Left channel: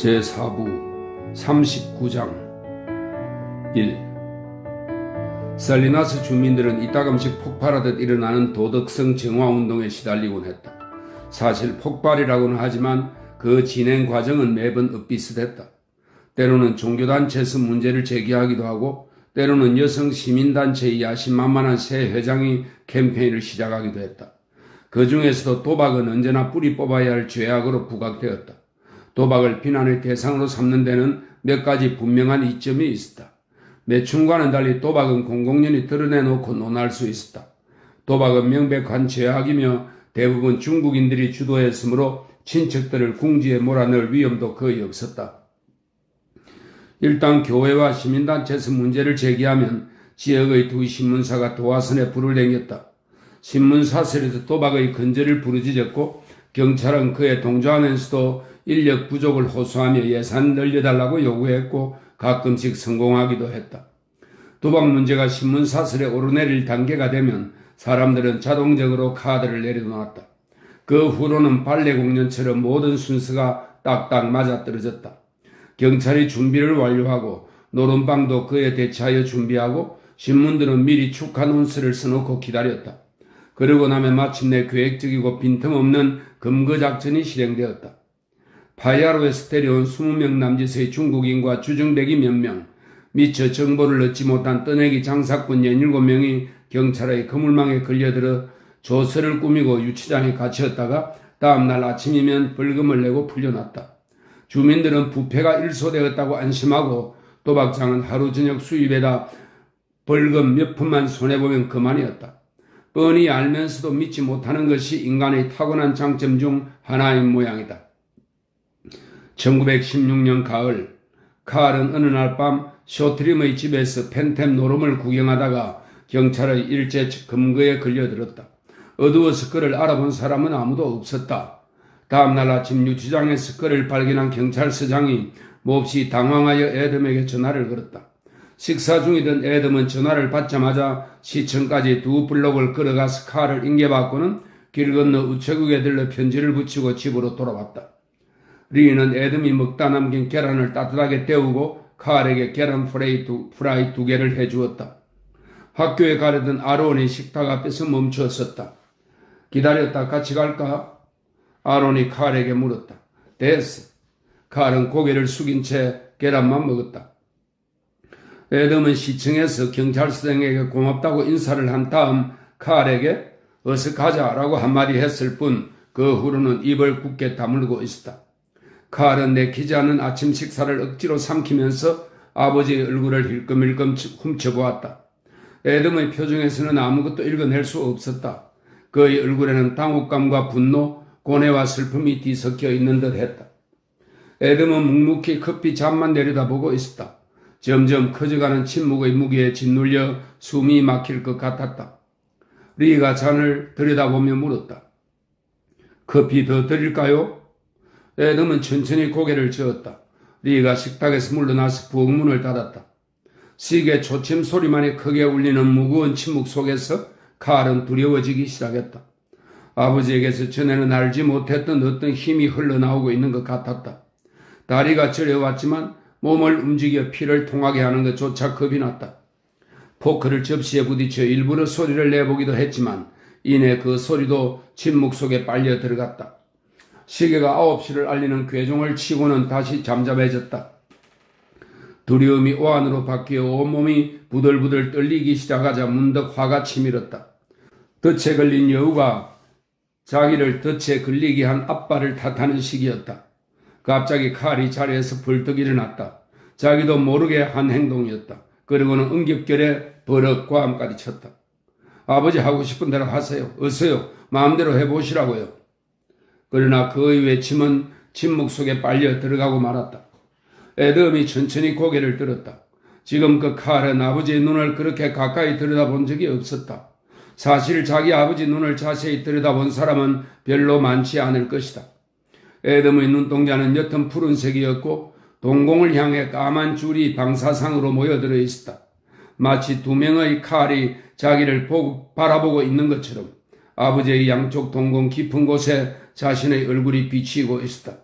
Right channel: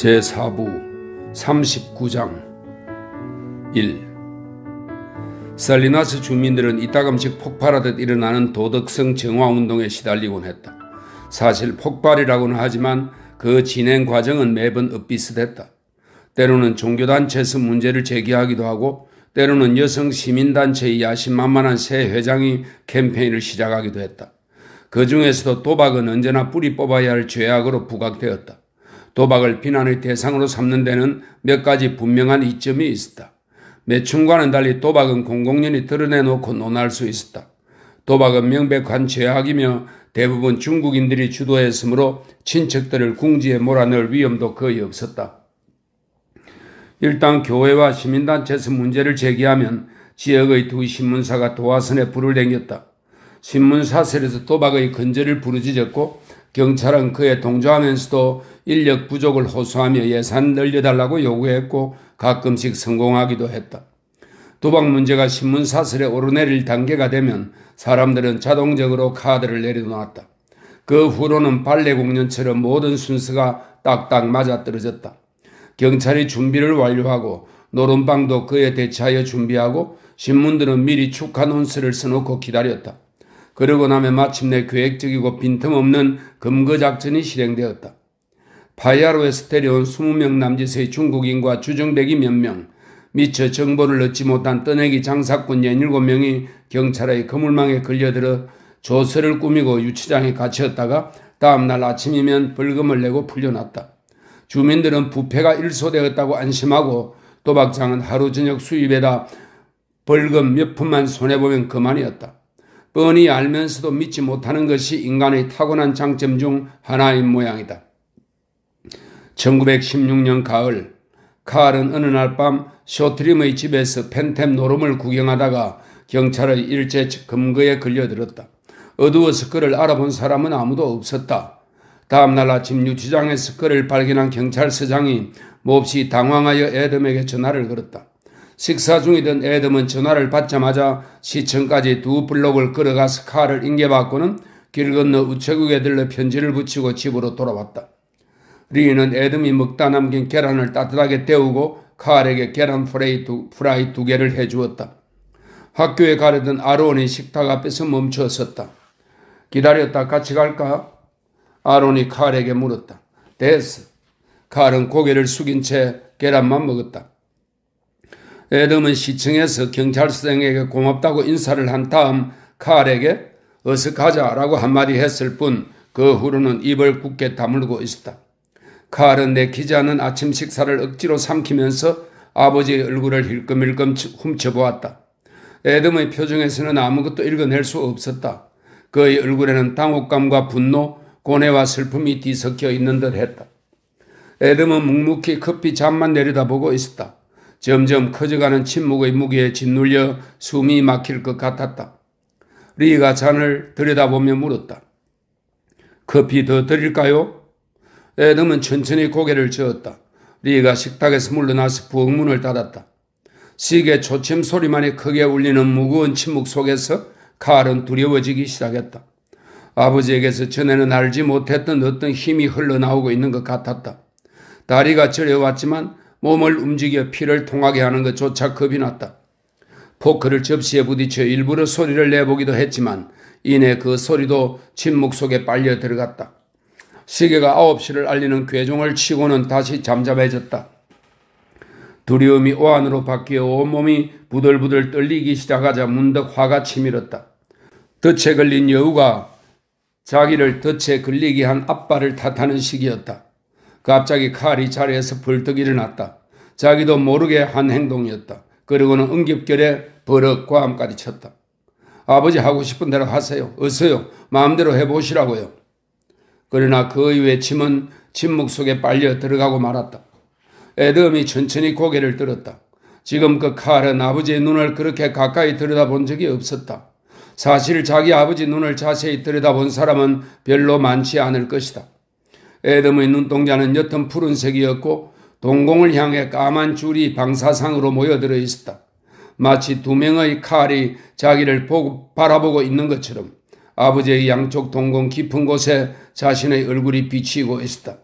제4부 39장 1. 살리나스 주민들은 이따금씩 폭발하듯 일어나는 도덕성 정화운동에 시달리곤 했다. 사실 폭발이라고는 하지만 그 진행 과정은 매번 엇비슷했다. 때로는 종교단체에서 문제를 제기하기도 하고 때로는 여성 시민단체의 야심만만한 새 회장이 캠페인을 시작하기도 했다. 그 중에서도 도박은 언제나 뿌리 뽑아야 할 죄악으로 부각되었다. 도박을 비난의 대상으로 삼는 데는 몇 가지 분명한 이점이 있었다. 매춘과는 달리 도박은 공공연히 드러내놓고 논할 수 있었다. 도박은 명백한 죄악이며 대부분 중국인들이 주도했으므로 친척들을 궁지에 몰아넣을 위험도 거의 없었다. 일단 교회와 시민단체에서 문제를 제기하면 지역의 두 신문사가 도화선에 불을 댕겼다. 신문사설에서 도박의 근절을 부르짖었고 경찰은 그에 동조하면서도 인력 부족을 호소하며 예산 늘려달라고 요구했고 가끔씩 성공하기도 했다. 도박 문제가 신문사설에 오르내릴 단계가 되면 사람들은 자동적으로 카드를 내려놓았다. 그 후로는 발레공연처럼 모든 순서가 딱딱 맞아떨어졌다. 경찰이 준비를 완료하고 노름방도 그에 대처하여 준비하고 신문들은 미리 축하 논스를 써놓고 기다렸다. 그러고 나면 마침내 계획적이고 빈틈없는 검거작전이 실행되었다. 파이아로에서 데려온 20명 남짓의 중국인과 주정배기 몇 명, 미처 정보를 얻지 못한 떠내기 장사꾼 17명이 경찰의 거물망에 걸려들어 조서를 꾸미고 유치장에 갇혔다가 다음날 아침이면 벌금을 내고 풀려났다. 주민들은 부패가 일소되었다고 안심하고 도박장은 하루 저녁 수입에다 벌금 몇 푼만 손해보면 그만이었다. 뻔히 알면서도 믿지 못하는 것이 인간의 타고난 장점 중 하나인 모양이다. 1916년 가을, 칼은 어느 날 밤 쇼트림의 집에서 펜템 노름을 구경하다가 경찰의 일제 검거에 걸려들었다. 어두워서 그를 알아본 사람은 아무도 없었다. 다음날 아침 유치장에서 그를 발견한 경찰서장이 몹시 당황하여 애덤에게 전화를 걸었다. 식사 중이던 애덤은 전화를 받자마자 시청까지 2블록을 걸어가서 칼을 인계받고는 길 건너 우체국에 들러 편지를 붙이고 집으로 돌아왔다. 리는 애덤이 먹다 남긴 계란을 따뜻하게 데우고 칼에게 계란 프라이 2개를 해주었다. 학교에 가려던 아론이 식탁 앞에서 멈춰 섰다. 기다렸다 같이 갈까? 아론이 칼에게 물었다. 됐어. 칼은 고개를 숙인 채 계란만 먹었다. 애덤은 시청에서 경찰서장에게 고맙다고 인사를 한 다음 칼에게 어서 가자라고 한마디 했을 뿐 그 후로는 입을 굳게 다물고 있었다. 칼은 내키지 않은 아침 식사를 억지로 삼키면서 아버지의 얼굴을 힐끔힐끔 훔쳐보았다. 애덤의 표정에서는 아무것도 읽어낼 수 없었다. 그의 얼굴에는 당혹감과 분노, 고뇌와 슬픔이 뒤섞여 있는 듯 했다. 애덤은 묵묵히 커피 잔만 내려다보고 있었다. 점점 커져가는 침묵의 무게에 짓눌려 숨이 막힐 것 같았다. 리가 잔을 들여다보며 물었다. 커피 더 드릴까요? 애덤은 천천히 고개를 저었다. 리가 식탁에서 물러나서 부엌 문을 닫았다. 시계 초침 소리만이 크게 울리는 무거운 침묵 속에서 칼은 두려워지기 시작했다. 아버지에게서 전에는 알지 못했던 어떤 힘이 흘러나오고 있는 것 같았다. 다리가 저려왔지만 몸을 움직여 피를 통하게 하는 것조차 겁이 났다. 포크를 접시에 부딪혀 일부러 소리를 내보기도 했지만 이내 그 소리도 침묵 속에 빨려 들어갔다. 시계가 9시를 알리는 괴종을 치고는 다시 잠잠해졌다. 두려움이 오한으로 바뀌어 온몸이 부들부들 떨리기 시작하자 문득 화가 치밀었다. 덫에 걸린 여우가 자기를 덫에 걸리게 한 아빠를 탓하는 시기였다. 갑자기 칼이 자리에서 벌떡 일어났다. 자기도 모르게 한 행동이었다. 그리고는 응급결에 버럭 고함까지 쳤다. 아버지 하고 싶은 대로 하세요. 어서요. 마음대로 해보시라고요. 그러나 그의 외침은 침묵 속에 빨려 들어가고 말았다. 애덤이 천천히 고개를 들었다. 지금껏 칼은 아버지의 눈을 그렇게 가까이 들여다본 적이 없었다. 사실 자기 아버지 눈을 자세히 들여다본 사람은 별로 많지 않을 것이다. 애덤의 눈동자는 옅은 푸른색이었고 동공을 향해 까만 줄이 방사상으로 모여들어 있었다. 마치 2명의 칼이 자기를 바라보고 있는 것처럼 아버지의 양쪽 동공 깊은 곳에 자신의 얼굴이 비치고 있었다.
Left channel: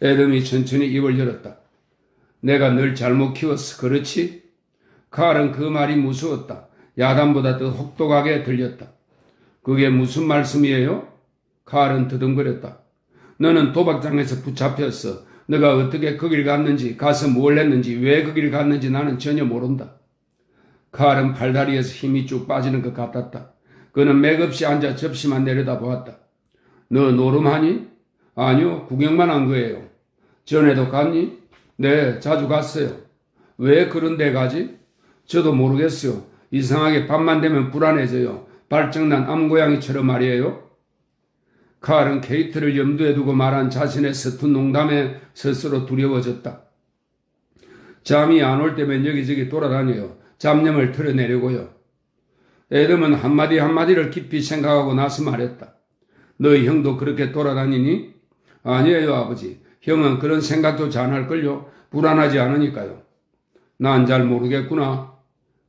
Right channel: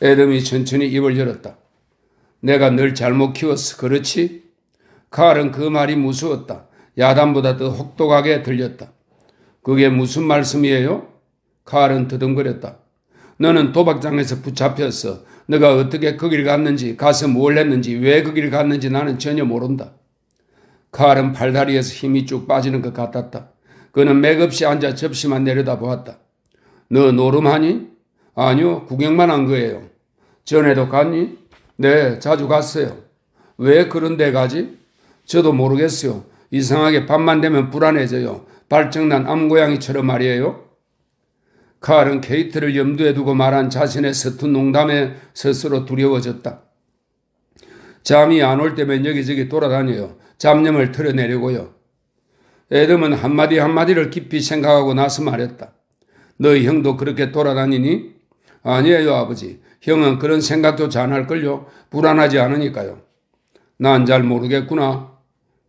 에돔이 천천히 입을 열었다. 내가 널 잘못 키웠어. 그렇지? 칼은 그 말이 무서웠다. 야단보다 더 혹독하게 들렸다. 그게 무슨 말씀이에요? 칼은 더듬거렸다. 너는 도박장에서 붙잡혔어. 너가 어떻게 거길 갔는지, 가서 뭘 했는지, 왜 거길 갔는지 나는 전혀 모른다. 칼은 팔다리에서 힘이 쭉 빠지는 것 같았다. 그는 맥없이 앉아 접시만 내려다보았다. 너 노름하니? 아니요, 구경만 한 거예요. 전에도 갔니? 네, 자주 갔어요. 왜 그런 데 가지? 저도 모르겠어요. 이상하게 밤만 되면 불안해져요. 발정난 암고양이처럼 말이에요. 칼은 케이트를 염두에 두고 말한 자신의 서툰 농담에 스스로 두려워졌다. 잠이 안 올 때면 여기저기 돌아다녀요. 잡념을 털어내려고요. 에덤은 한마디 한마디를 깊이 생각하고 나서 말했다. 너희 형도 그렇게 돌아다니니? 아니에요, 아버지. 형은 그런 생각조차 안 할걸요. 불안하지 않으니까요. 난 잘 모르겠구나.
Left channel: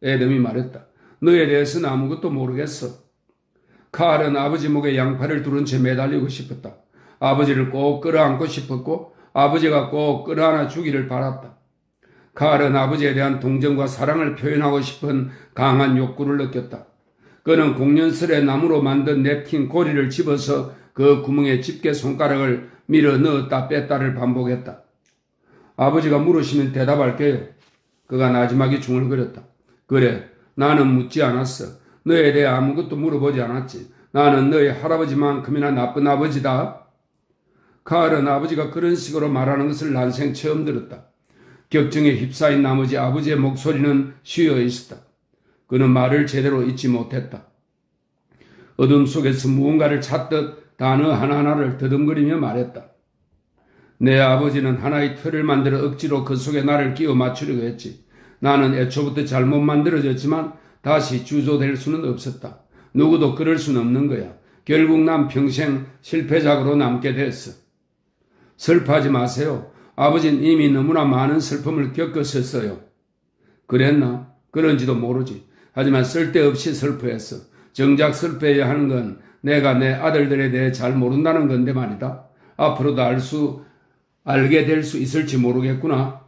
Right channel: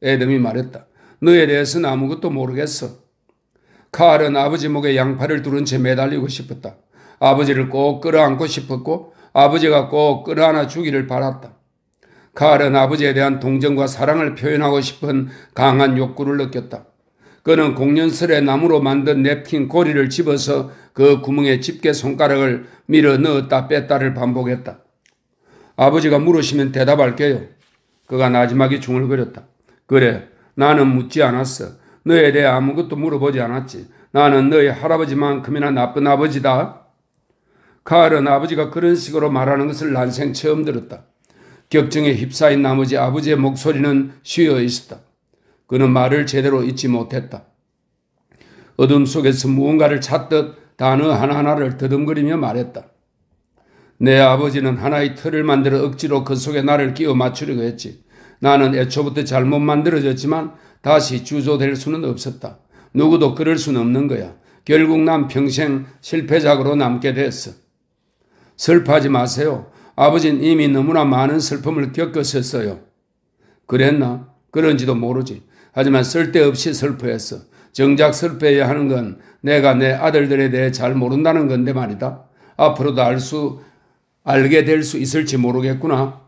에덤이 말했다. 너에 대해서는 아무것도 모르겠어. 칼은 아버지 목에 양팔을 두른 채 매달리고 싶었다. 아버지를 꼭 끌어안고 싶었고 아버지가 꼭 끌어안아 주기를 바랐다. 칼은 아버지에 대한 동정과 사랑을 표현하고 싶은 강한 욕구를 느꼈다. 그는 공연설에 나무로 만든 냅킨 고리를 집어서 그 구멍에 집게 손가락을 밀어 넣었다 뺐다를 반복했다. 아버지가 물으시면 대답할게요. 그가 나지막이 중얼거렸다. 그래, 나는 묻지 않았어. 너에 대해 아무것도 물어보지 않았지. 나는 너희 할아버지만큼이나 나쁜 아버지다. 칼은 아버지가 그런 식으로 말하는 것을 난생 처음 들었다. 격정에 휩싸인 나머지 아버지의 목소리는 쉬어 있었다. 그는 말을 제대로 잊지 못했다. 어둠 속에서 무언가를 찾듯 단어 하나하나를 더듬거리며 말했다. 내 아버지는 하나의 틀을 만들어 억지로 그 속에 나를 끼워 맞추려고 했지. 나는 애초부터 잘못 만들어졌지만 다시 주소될 수는 없었다. 누구도 그럴 수는 없는 거야. 결국 난 평생 실패작으로 남게 됐어. 슬퍼하지 마세요. 아버지는 이미 너무나 많은 슬픔을 겪었었어요. 그랬나? 그런지도 모르지. 하지만 쓸데없이 슬퍼했어. 정작 슬퍼해야 하는 건 내가 내 아들들에 대해 잘 모른다는 건데 말이다. 앞으로도 알게 될 수 있을지 모르겠구나.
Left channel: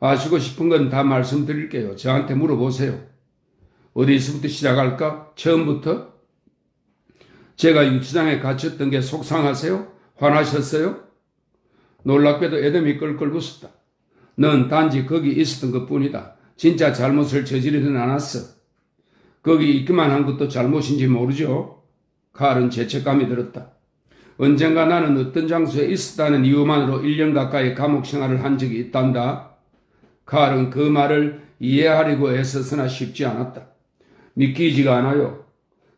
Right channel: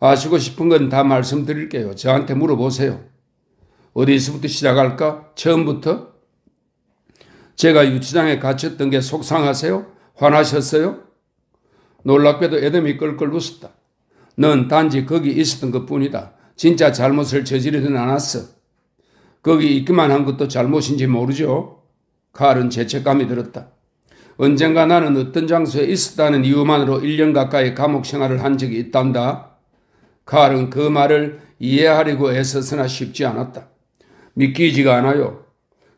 아시고 싶은 건 다 말씀드릴게요. 저한테 물어보세요. 어디서부터 시작할까? 처음부터? 제가 유치장에 갇혔던 게 속상하세요? 화나셨어요? 놀랍게도 에덤이 껄껄 웃었다. 넌 단지 거기 있었던 것뿐이다. 진짜 잘못을 저지르진 않았어. 거기 있기만 한 것도 잘못인지 모르죠. 칼은 죄책감이 들었다. 언젠가 나는 어떤 장소에 있었다는 이유만으로 1년 가까이 감옥 생활을 한 적이 있단다. 칼은 그 말을 이해하려고 애써서나 쉽지 않았다. 믿기지가 않아요.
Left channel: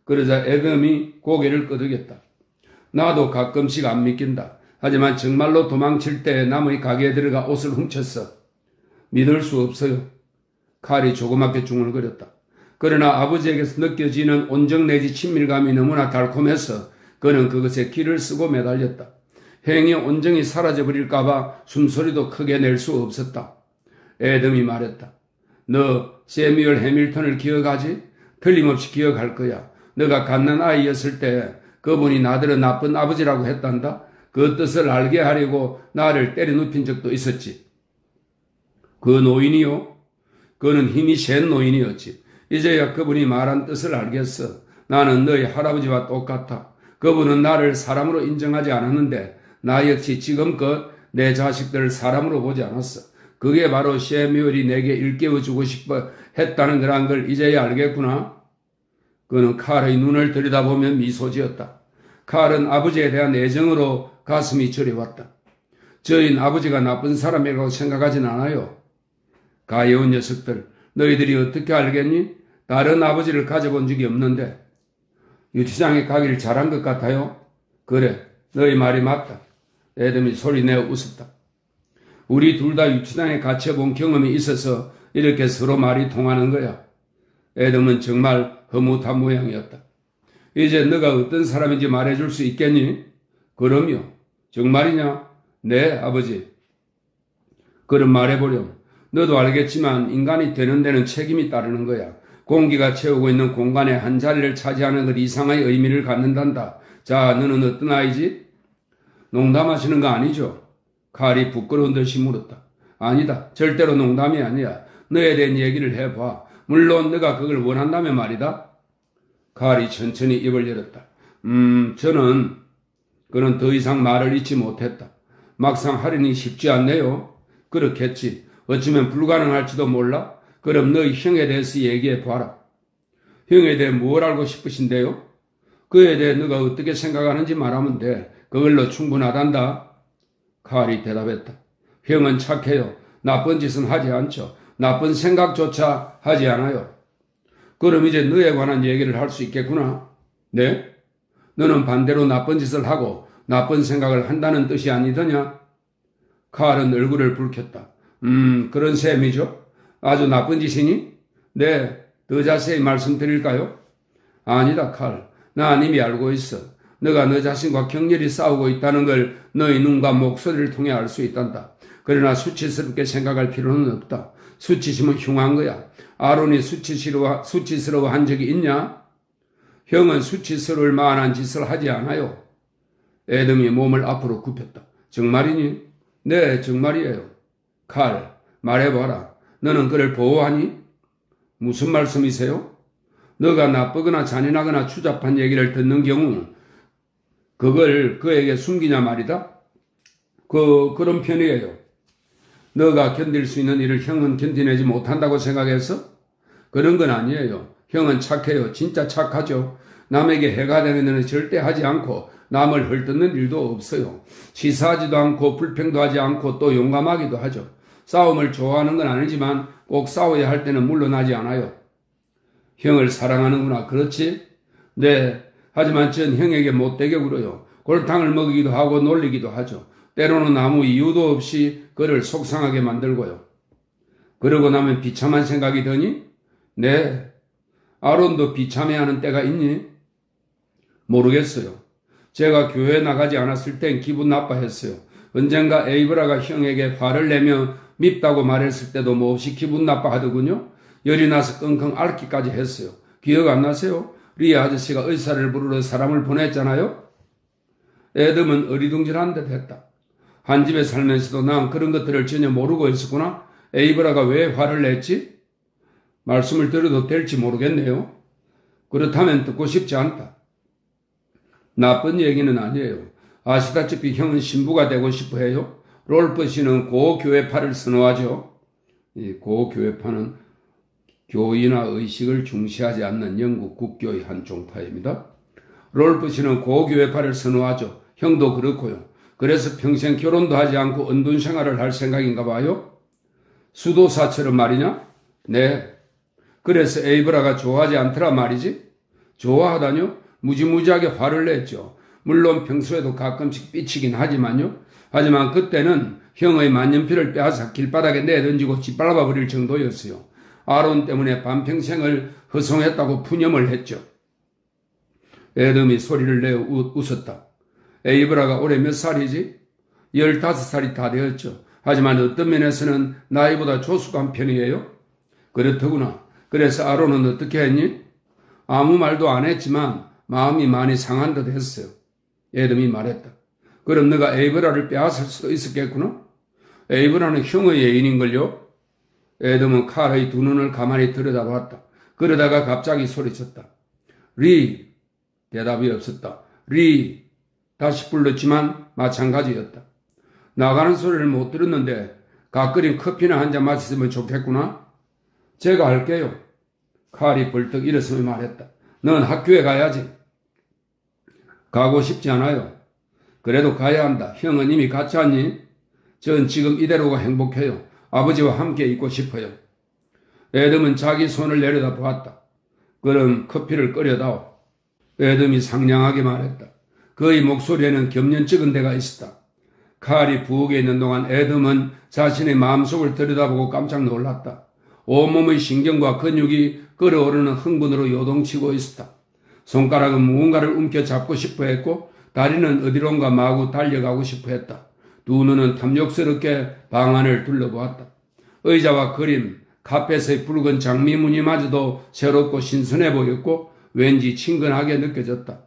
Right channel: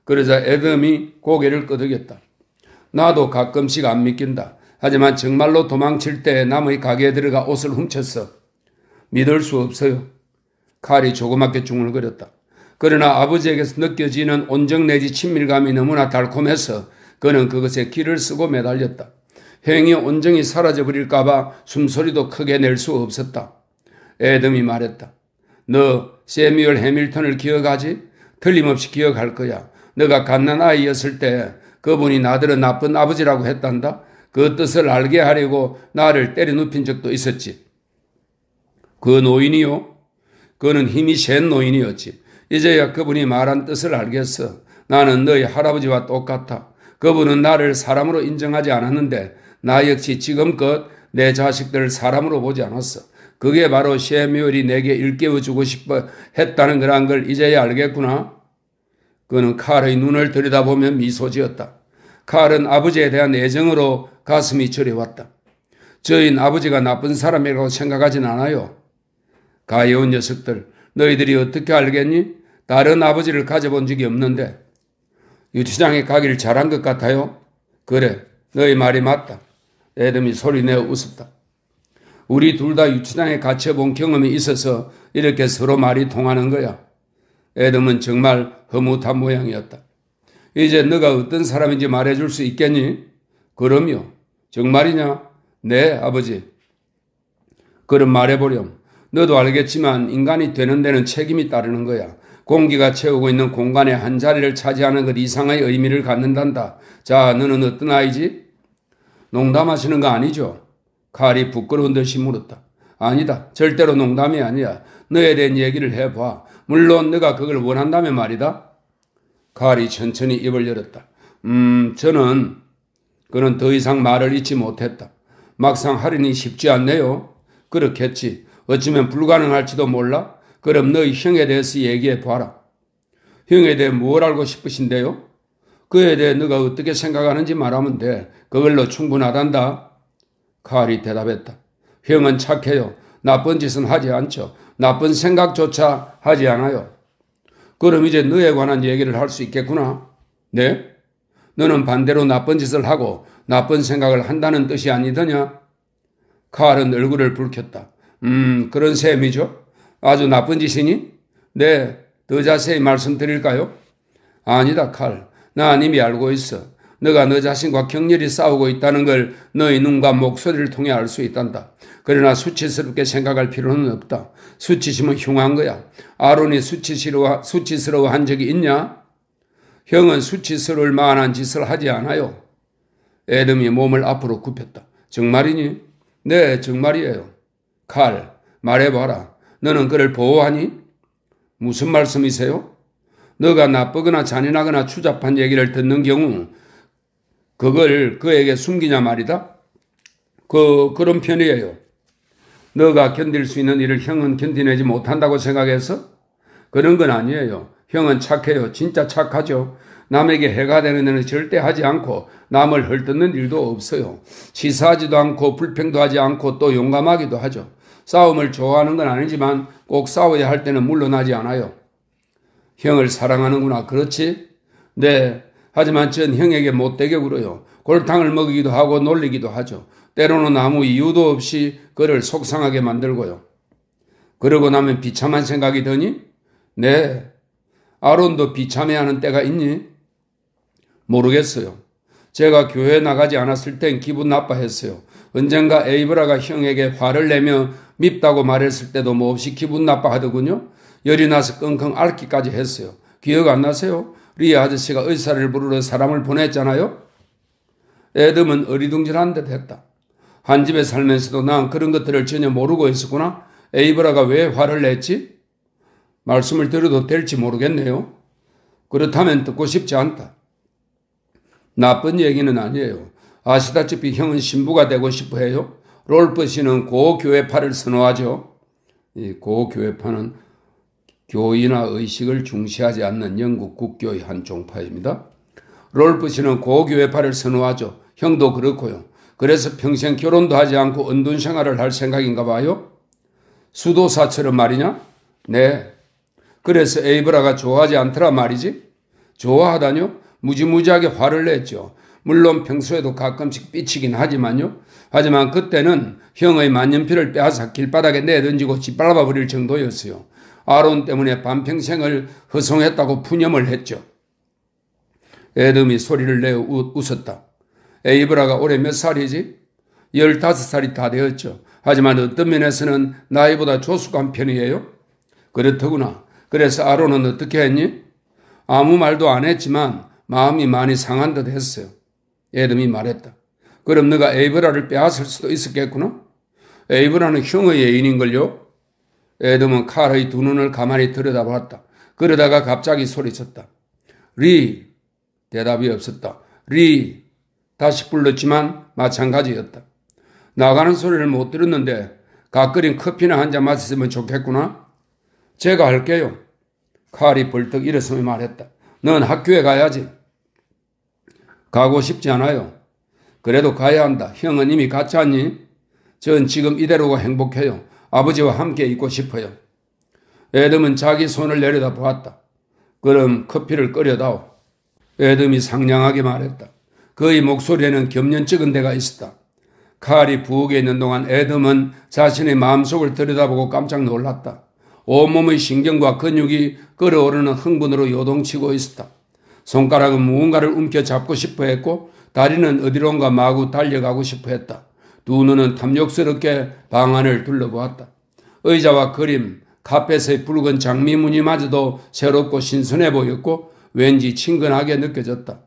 그러자 에덤이 고개를 끄덕였다. 나도 가끔씩 안 믿긴다. 하지만 정말로 도망칠 때 남의 가게에 들어가 옷을 훔쳤어. 믿을 수 없어요. 칼이 조그맣게 중얼거렸다. 그러나 아버지에게서 느껴지는 온정 내지 친밀감이 너무나 달콤해서 그는 그것에 기를 쓰고 매달렸다. 행의 온정이 사라져버릴까봐 숨소리도 크게 낼 수 없었다. 에덤이 말했다. 너 세뮤얼 해밀턴을 기억하지? 틀림없이 기억할 거야. 너가 갓난아이였을 때 그분이 나더러 나쁜 아버지라고 했단다. 그 뜻을 알게 하려고 나를 때려 눕힌 적도 있었지. 그 노인이요? 그는 힘이 센 노인이었지. 이제야 그분이 말한 뜻을 알겠어. 나는 너희 할아버지와 똑같아. 그분은 나를 사람으로 인정하지 않았는데 나 역시 지금껏 내 자식들을 사람으로 보지 않았어. 그게 바로 셰뮤얼이 내게 일깨워주고 싶어 했다는 거란 걸 이제야 알겠구나. 그는 칼의 눈을 들여다보며 미소 지었다. 칼은 아버지에 대한 애정으로 가슴이 저려왔다. 저희는 아버지가 나쁜 사람이라고 생각하진 않아요. 가여운 녀석들, 너희들이 어떻게 알겠니? 다른 아버지를 가져본 적이 없는데. 유치장에 가기를 잘한 것 같아요. 그래, 너희 말이 맞다. 에덤이 소리내어 웃었다. 우리 둘 다 유치장에 갇혀본 경험이 있어서 이렇게 서로 말이 통하는 거야. 에덤은 정말 허무한 모양이었다. 이제 너가 어떤 사람인지 말해줄 수 있겠니? 그럼요. 정말이냐? 네, 아버지. 그럼 말해보렴. 너도 알겠지만 인간이 되는 데는 책임이 따르는 거야. 공기가 채우고 있는 공간의 한 자리를 차지하는 것 이상의 의미를 갖는단다. 자, 너는 어떤 아이지? 농담하시는 거 아니죠? 칼이 부끄러운 듯이 물었다. 아니다. 절대로 농담이 아니야. 너에 대한 얘기를 해봐. 물론 너가 그걸 원한다면 말이다. 칼이 천천히 입을 열었다. 저는 그는 더 이상 말을 잇지 못했다. 막상 하려니 쉽지 않네요. 그렇겠지. 어쩌면 불가능할지도 몰라. 그럼 너희 형에 대해서 얘기해봐라. 형에 대해 뭘 알고 싶으신데요? 그에 대해 너가 어떻게 생각하는지 말하면 돼. 그걸로 충분하단다. 칼이 대답했다. 형은 착해요. 나쁜 짓은 하지 않죠. 나쁜 생각조차 하지 않아요. 그럼 이제 너에 관한 얘기를 할 수 있겠구나. 네? 너는 반대로 나쁜 짓을 하고 나쁜 생각을 한다는 뜻이 아니더냐? 칼은 얼굴을 붉혔다. 그런 셈이죠. 아주 나쁜 짓이니? 네, 더 자세히 말씀드릴까요? 아니다, 칼. 난 이미 알고 있어. 너가 너 자신과 격렬히 싸우고 있다는 걸 너의 눈과 목소리를 통해 알 수 있단다. 그러나 수치스럽게 생각할 필요는 없다. 수치심은 흉한 거야. 아론이 수치스러워한 적이 있냐? 형은 수치스러울 만한 짓을 하지 않아요. 에돔이 몸을 앞으로 굽혔다. 정말이니? 네, 정말이에요. 칼, 말해봐라. 너는 그를 보호하니? 무슨 말씀이세요? 너가 나쁘거나 잔인하거나 추잡한 얘기를 듣는 경우 그걸 그에게 숨기냐 말이다? 그런 편이에요. 너가 견딜 수 있는 일을 형은 견디내지 못한다고 생각해서? 그런 건 아니에요. 형은 착해요. 진짜 착하죠. 남에게 해가 되는 일은 절대 하지 않고 남을 헐뜯는 일도 없어요. 치사하지도 않고 불평도 하지 않고 또 용감하기도 하죠. 싸움을 좋아하는 건 아니지만 꼭 싸워야 할 때는 물러나지 않아요. 형을 사랑하는구나. 그렇지? 네. 하지만 전 형에게 못되게 굴어요. 골탕을 먹이기도 하고 놀리기도 하죠. 때로는 아무 이유도 없이 그를 속상하게 만들고요. 그러고 나면 비참한 생각이 드니? 네. 아론도 비참해하는 때가 있니? 모르겠어요. 제가 교회에 나가지 않았을 땐 기분 나빠했어요. 언젠가 에이브라가 형에게 화를 내며 밉다고 말했을 때도 몹시 기분 나빠하더군요. 열이 나서 끙끙 앓기까지 했어요. 기억 안 나세요? 리아 아저씨가 의사를 부르러 사람을 보냈잖아요. 에돔은 어리둥절한 듯 했다. 한 집에 살면서도 난 그런 것들을 전혀 모르고 있었구나. 에이브라가 왜 화를 냈지? 말씀을 드려도 될지 모르겠네요. 그렇다면 듣고 싶지 않다. 나쁜 얘기는 아니에요. 아시다시피 형은 신부가 되고 싶어 해요. 롤프 씨는 고교회파를 선호하죠. 이 고교회파는 교의나 의식을 중시하지 않는 영국 국교의 한 종파입니다. 롤프 씨는 고교회파를 선호하죠. 형도 그렇고요. 그래서 평생 결혼도 하지 않고 은둔 생활을 할 생각인가 봐요. 수도사처럼 말이냐? 네. 그래서 에이브라가 좋아하지 않더라 말이지? 좋아하다뇨? 무지무지하게 화를 냈죠. 물론 평소에도 가끔씩 삐치긴 하지만요. 하지만 그때는 형의 만년필을 빼앗아 길바닥에 내던지고 짓밟아 버릴 정도였어요. 아론 때문에 반평생을 허송했다고 푸념을 했죠. 에돔이 소리를 내어 웃었다. 에이브라가 올해 몇 살이지? 15살이 다 되었죠. 하지만 어떤 면에서는 나이보다 조숙한 편이에요. 그렇더구나. 그래서 아론은 어떻게 했니? 아무 말도 안 했지만 마음이 많이 상한 듯 했어요. 에돔이 말했다. 그럼 너가 에이브라를 빼앗을 수도 있었겠구나? 에이브라는 형의 애인인걸요? 에돔은 칼의 두 눈을 가만히 들여다봤다. 그러다가 갑자기 소리쳤다. 리! 대답이 없었다. 리! 다시 불렀지만 마찬가지였다. 나가는 소리를 못 들었는데 갓 끓인 커피나 한 잔 마셨으면 좋겠구나? 제가 할게요. 칼이 벌떡 일어서며 말했다. 넌 학교에 가야지. 가고 싶지 않아요. 그래도 가야 한다. 형은 이미 갔지 않니? 전 지금 이대로가 행복해요. 아버지와 함께 있고 싶어요. 에돔은 자기 손을 내려다 보았다. 그럼 커피를 끓여다오. 에돔이 상냥하게 말했다. 그의 목소리에는 겸연쩍은 데가 있었다. 칼이 부엌에 있는 동안 에돔은 자신의 마음속을 들여다보고 깜짝 놀랐다. 온몸의 신경과 근육이 끓어오르는 흥분으로 요동치고 있었다. 손가락은 무언가를 움켜잡고 싶어 했고 다리는 어디론가 마구 달려가고 싶어 했다. 두 눈은 탐욕스럽게 방 안을 둘러보았다. 의자와 그림, 카펫의 붉은 장미무늬마저도 새롭고 신선해 보였고 왠지 친근하게 느껴졌다.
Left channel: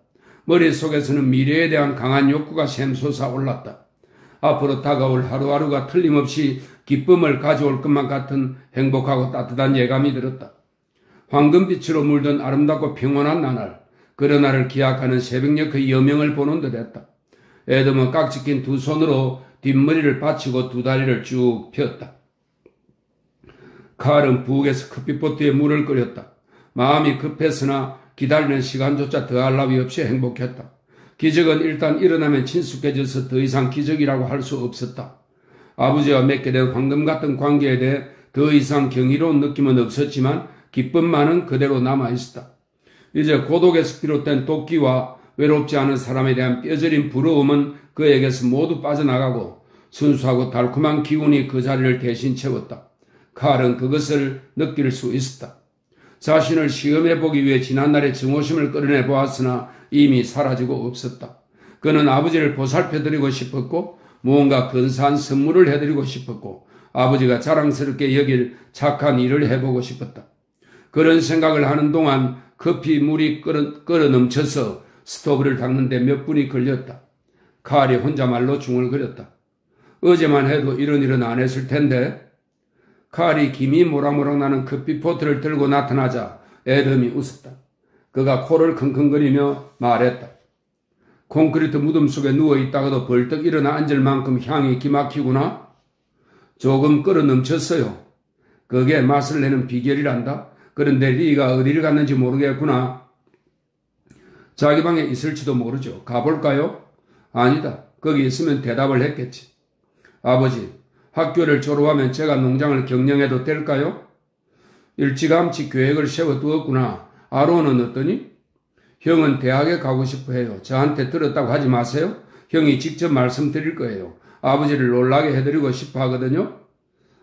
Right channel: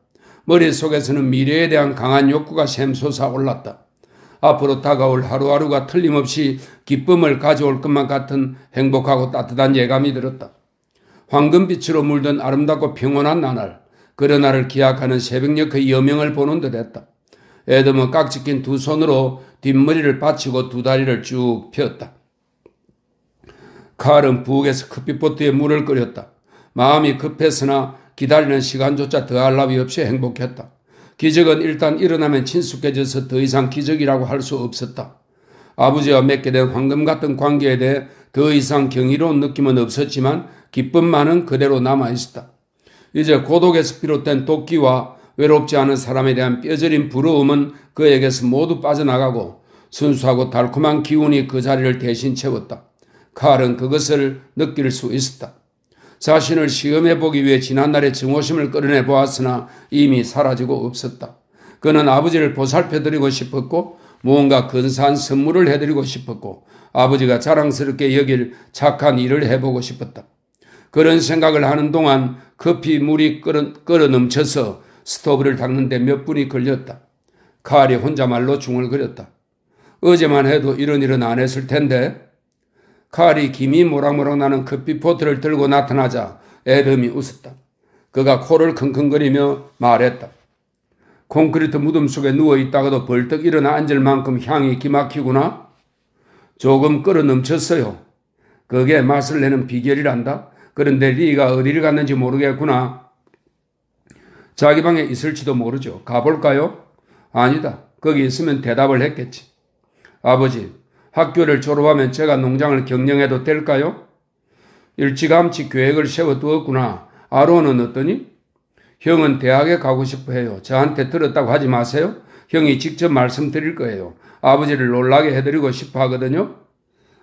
머릿속에서는 미래에 대한 강한 욕구가 샘솟아 올랐다. 앞으로 다가올 하루하루가 틀림없이 기쁨을 가져올 것만 같은 행복하고 따뜻한 예감이 들었다. 황금빛으로 물든 아름답고 평온한 나날, 그러나를 기약하는 새벽녘 그 여명을 보는 듯 했다. 애덤은 깍지 낀 두 손으로 뒷머리를 받치고 두 다리를 쭉 폈다. 칼은 부엌에서 커피포트에 물을 끓였다. 마음이 급했으나 기다리는 시간조차 더할 나위 없이 행복했다. 기적은 일단 일어나면 친숙해져서 더 이상 기적이라고 할 수 없었다. 아버지와 맺게 된 황금 같은 관계에 대해 더 이상 경이로운 느낌은 없었지만 기쁨만은 그대로 남아있었다. 이제 고독에서 비롯된 도끼와 외롭지 않은 사람에 대한 뼈저린 부러움은 그에게서 모두 빠져나가고 순수하고 달콤한 기운이 그 자리를 대신 채웠다. 칼은 그것을 느낄 수 있었다. 자신을 시험해보기 위해 지난날의 증오심을 끌어내 보았으나 이미 사라지고 없었다. 그는 아버지를 보살펴드리고 싶었고 무언가 근사한 선물을 해드리고 싶었고 아버지가 자랑스럽게 여길 착한 일을 해보고 싶었다. 그런 생각을 하는 동안 커피 물이 끓어 넘쳐서 스토브를 닦는데 몇 분이 걸렸다. 칼이 혼자말로 중얼거렸다. 어제만 해도 이런 일은 안 했을 텐데. 칼이 김이 모락모락 나는 커피포트를 들고 나타나자 애덤이 웃었다. 그가 코를 킁킁거리며 말했다. 콘크리트 무덤 속에 누워있다가도 벌떡 일어나 앉을 만큼 향이 기막히구나. 조금 끓어 넘쳤어요. 그게 맛을 내는 비결이란다. 그런데 리가 어디를 갔는지 모르겠구나. 자기 방에 있을지도 모르죠. 가볼까요? 아니다. 거기 있으면 대답을 했겠지. 아버지, 학교를 졸업하면 제가 농장을 경영해도 될까요? 일찌감치 계획을 세워두었구나. 아론은 어떠니? 형은 대학에 가고 싶어 해요. 저한테 들었다고 하지 마세요. 형이 직접 말씀드릴 거예요. 아버지를 놀라게 해드리고 싶어 하거든요.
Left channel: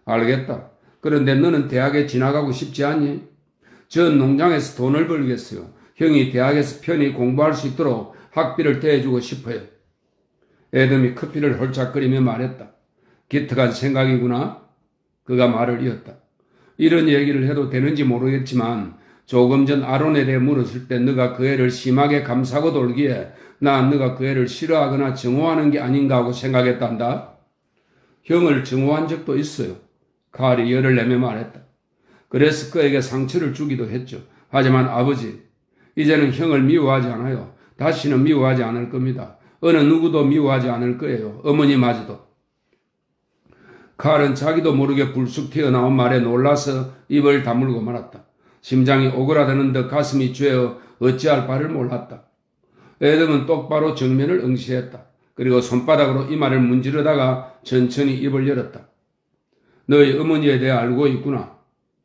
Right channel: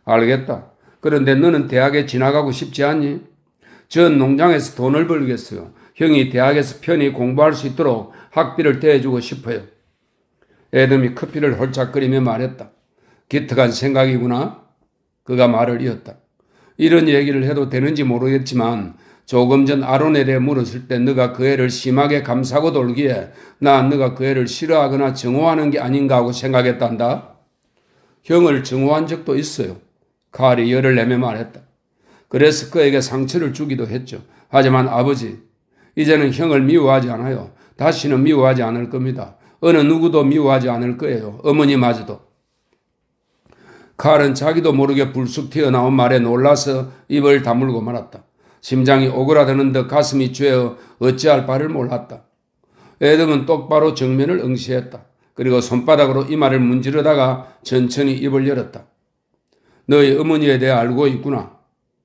알겠다. 그런데 너는 대학에 지나가고 싶지 않니? 전 농장에서 돈을 벌겠어요. 형이 대학에서 편히 공부할 수 있도록 학비를 대주고 싶어요. 애덤이 커피를 홀짝거리며 말했다. 기특한 생각이구나. 그가 말을 이었다. 이런 얘기를 해도 되는지 모르겠지만 조금 전 아론에 대해 물었을 때 너가 그 애를 심하게 감싸고 돌기에 난 너가 그 애를 싫어하거나 증오하는 게 아닌가 하고 생각했단다. 형을 증오한 적도 있어요. 칼이 열을 내며 말했다. 그래서 그에게 상처를 주기도 했죠. 하지만 아버지, 이제는 형을 미워하지 않아요. 다시는 미워하지 않을 겁니다. 어느 누구도 미워하지 않을 거예요. 어머니마저도. 칼은 자기도 모르게 불쑥 튀어나온 말에 놀라서 입을 다물고 말았다. 심장이 오그라드는 듯 가슴이 죄어 어찌할 바를 몰랐다. 애덤은 똑바로 정면을 응시했다. 그리고 손바닥으로 이마를 문지르다가 천천히 입을 열었다. 너희 어머니에 대해 알고 있구나.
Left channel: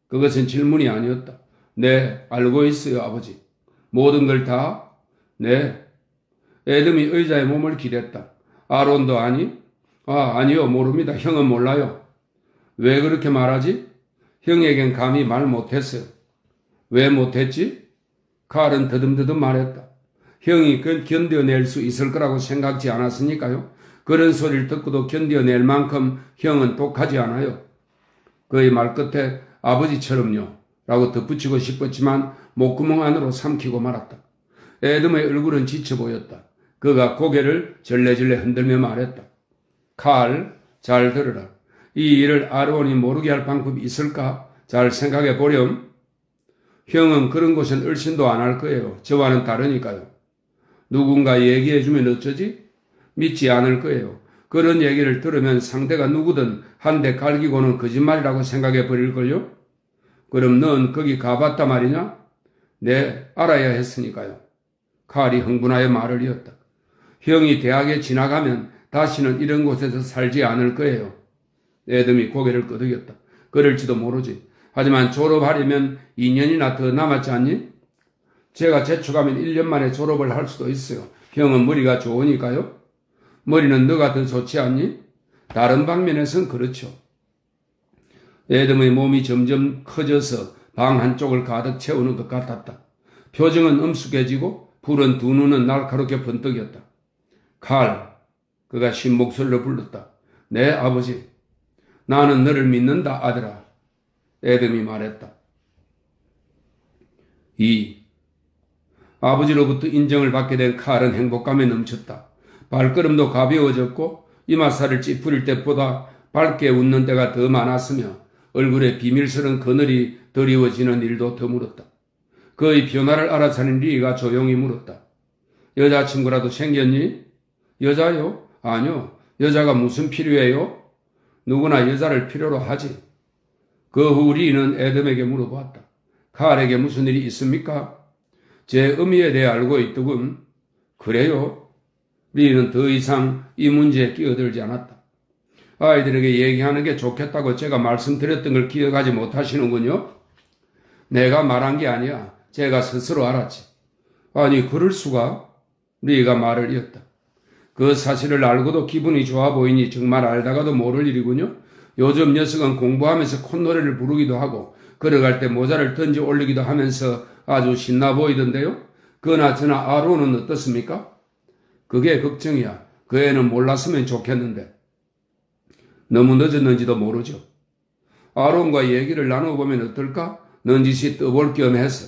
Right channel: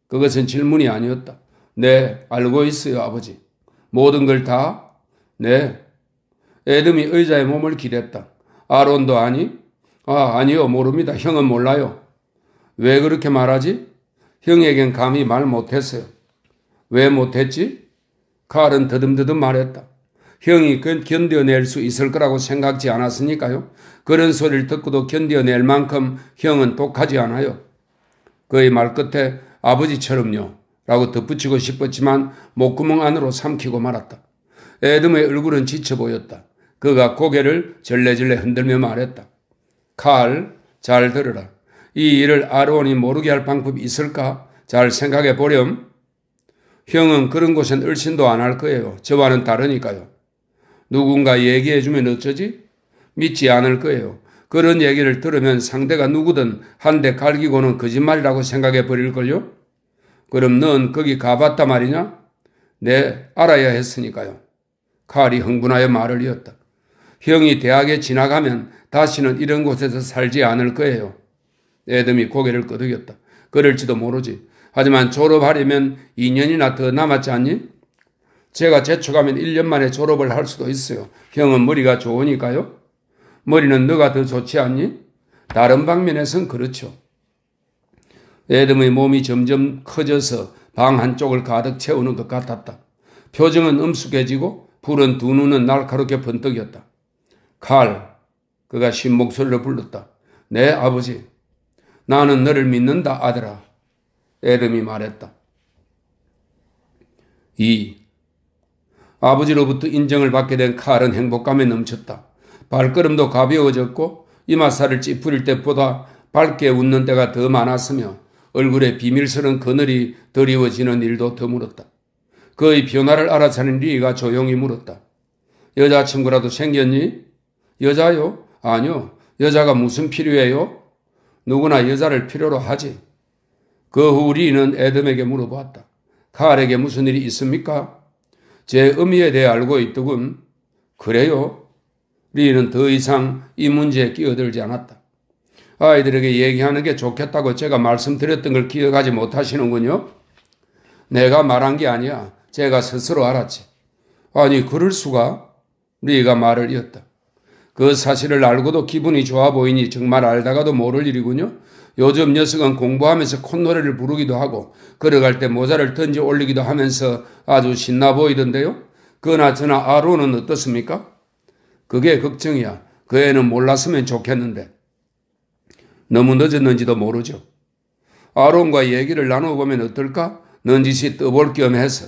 그것은 질문이 아니었다. 네, 알고 있어요, 아버지. 모든 걸 다? 네. 애덤이 의자에 몸을 기댔다. 아론도 아니? 아니요, 모릅니다. 형은 몰라요. 왜 그렇게 말하지? 형에겐 감히 말 못했어요. 왜 못했지? 칼은 더듬더듬 말했다. 형이 견뎌낼 수 있을 거라고 생각지 않았으니까요. 그런 소리를 듣고도 견뎌낼 만큼 형은 독하지 않아요. 그의 말 끝에 아버지처럼요 라고 덧붙이고 싶었지만 목구멍 안으로 삼키고 말았다. 애덤의 얼굴은 지쳐 보였다. 그가 고개를 절레절레 흔들며 말했다. 칼, 잘 들으라. 이 일을 아론이 모르게 할 방법이 있을까? 잘 생각해 보렴. 형은 그런 곳엔 얼씬도 안 할 거예요. 저와는 다르니까요. 누군가 얘기해주면 어쩌지? 믿지 않을 거예요. 그런 얘기를 들으면 상대가 누구든 한 대 갈기고는 거짓말이라고 생각해 버릴걸요? 그럼 넌 거기 가봤단 말이냐? 네, 알아야 했으니까요. 칼이 흥분하여 말을 이었다. 형이 대학에 지나가면 다시는 이런 곳에서 살지 않을 거예요. 애덤이 고개를 끄덕였다. 그럴지도 모르지. 하지만 졸업하려면 2년이나 더 남았지 않니? 제가 재촉하면 1년 만에 졸업을 할 수도 있어요. 형은 머리가 좋으니까요. 머리는 너가 더 좋지 않니? 다른 방면에선 그렇죠. 애덤의 몸이 점점 커져서 방 한쪽을 가득 채우는 것 같았다. 표정은 엄숙해지고 푸른 두 눈은 날카롭게 번뜩였다. 칼, 그가 쉰 목소리로 불렀다. 네, 아버지. 나는 너를 믿는다, 아들아. 애덤이 말했다. 2. 아버지로부터 인정을 받게 된 칼은 행복감에 넘쳤다. 발걸음도 가벼워졌고 이마살을 찌푸릴 때보다 밝게 웃는 때가 더 많았으며 얼굴에 비밀스러운 그늘이 드리워지는 일도 드물었다. 그의 변화를 알아차린 리가 조용히 물었다. 여자친구라도 생겼니? 여자요? 아니요. 여자가 무슨 필요해요? 누구나 여자를 필요로 하지. 그 후 리는 애덤에게 물어보았다. 칼에게 무슨 일이 있습니까? 제 의미에 대해 알고 있더군. 그래요? 리는 더 이상 이 문제에 끼어들지 않았다. 아이들에게 얘기하는 게 좋겠다고 제가 말씀드렸던 걸 기억하지 못하시는군요. 내가 말한 게 아니야. 제가 스스로 알았지. 아니, 그럴 수가? 리가 말을 이었다. 그 사실을 알고도 기분이 좋아 보이니 정말 알다가도 모를 일이군요. 요즘 녀석은 공부하면서 콧노래를 부르기도 하고 걸어갈 때 모자를 던져 올리기도 하면서 아주 신나 보이던데요. 그나저나 아론은 어떻습니까? 그게 걱정이야. 그 애는 몰랐으면 좋겠는데. 너무 늦었는지도 모르죠. 아론과 얘기를 나눠보면 어떨까? 넌지시 떠볼 겸 해서.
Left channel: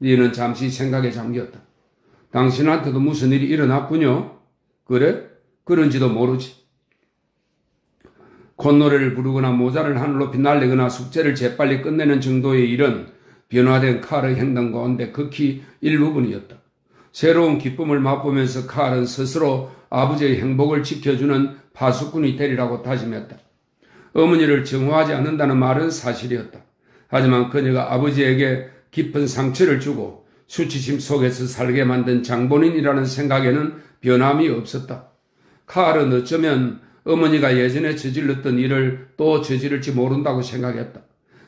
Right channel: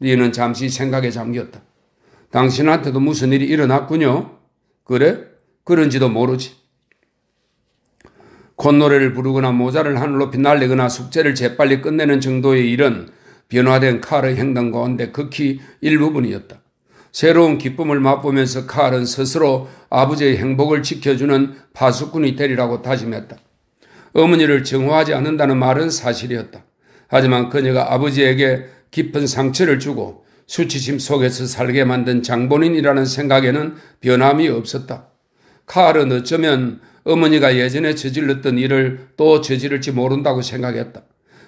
리는 잠시 생각에 잠겼다. 당신한테도 무슨 일이 일어났군요. 그래? 그런지도 모르지. 콧노래를 부르거나 모자를 하늘 높이 날리거나 숙제를 재빨리 끝내는 정도의 일은 변화된 칼의 행동 가운데 극히 일부분이었다. 새로운 기쁨을 맛보면서 칼은 스스로 아버지의 행복을 지켜주는 파수꾼이 되리라고 다짐했다. 어머니를 정화하지 않는다는 말은 사실이었다. 하지만 그녀가 아버지에게 깊은 상처를 주고 수치심 속에서 살게 만든 장본인이라는 생각에는 변함이 없었다. 칼은 어쩌면 어머니가 예전에 저질렀던 일을 또 저지를지 모른다고 생각했다.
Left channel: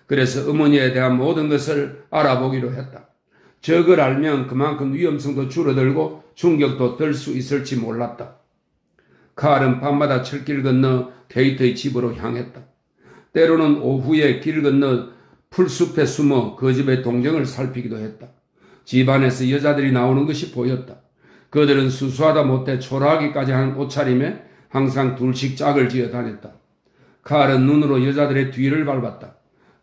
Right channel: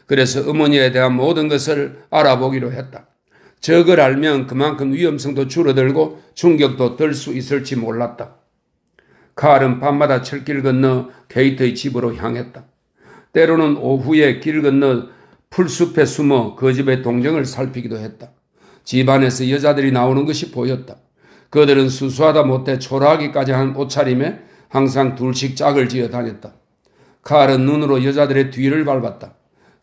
그래서 어머니에 대한 모든 것을 알아보기로 했다. 저걸 알면 그만큼 위험성도 줄어들고 충격도 덜 수 있을지 몰랐다. 칼은 밤마다 철길 건너 케이트의 집으로 향했다. 때로는 오후에 길 건너 풀숲에 숨어 그 집의 동정을 살피기도 했다. 집안에서 여자들이 나오는 것이 보였다. 그들은 수수하다 못해 초라하기까지 한 옷차림에 항상 둘씩 짝을 지어 다녔다. 칼은 눈으로 여자들의 뒤를 밟았다.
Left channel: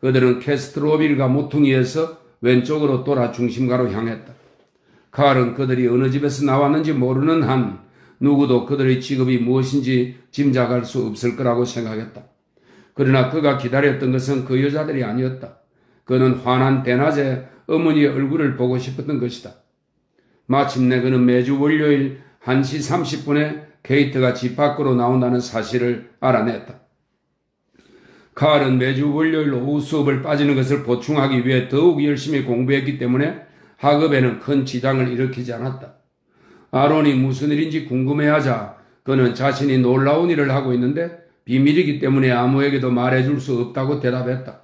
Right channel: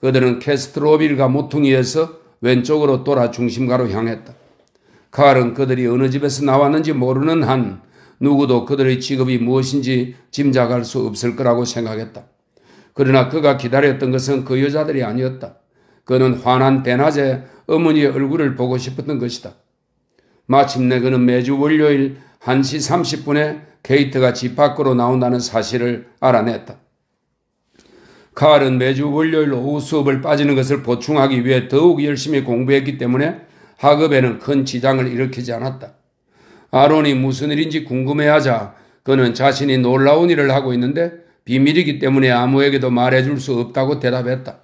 그들은 캐스트로빌가 모퉁이에서 왼쪽으로 돌아 중심가로 향했다. 칼은 그들이 어느 집에서 나왔는지 모르는 한 누구도 그들의 직업이 무엇인지 짐작할 수 없을 거라고 생각했다. 그러나 그가 기다렸던 것은 그 여자들이 아니었다. 그는 환한 대낮에 어머니의 얼굴을 보고 싶었던 것이다. 마침내 그는 매주 월요일 1시 30분에 케이트가 집 밖으로 나온다는 사실을 알아냈다. 칼은 매주 월요일 오후 수업을 빠지는 것을 보충하기 위해 더욱 열심히 공부했기 때문에 학업에는 큰 지장을 일으키지 않았다. 아론이 무슨 일인지 궁금해하자 그는 자신이 놀라운 일을 하고 있는데 비밀이기 때문에 아무에게도 말해줄 수 없다고 대답했다.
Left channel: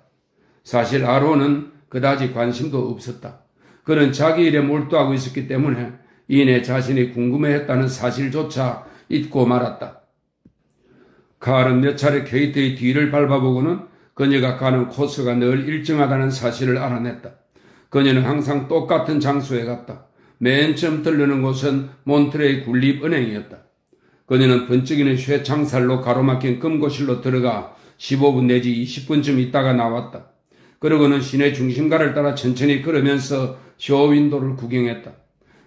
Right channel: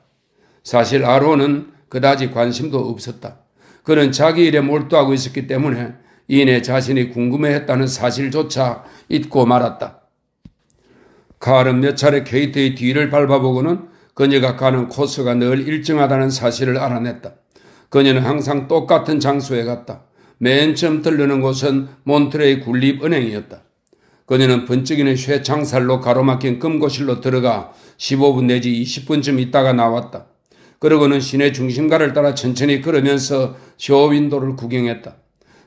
사실 아론은 그다지 관심도 없었다. 그는 자기 일에 몰두하고 있었기 때문에 이내 자신이 궁금해했다는 사실조차 잊고 말았다. 칼은 몇 차례 케이트의 뒤를 밟아보고는 그녀가 가는 코스가 늘 일정하다는 사실을 알아냈다. 그녀는 항상 똑같은 장소에 갔다. 맨 처음 들르는 곳은 몬트레이 군립은행이었다. 그녀는 번쩍이는 쇠창살로 가로막힌 금고실로 들어가 15분 내지 20분쯤 있다가 나왔다. 그러고는 시내 중심가를 따라 천천히 걸으면서 쇼윈도를 구경했다.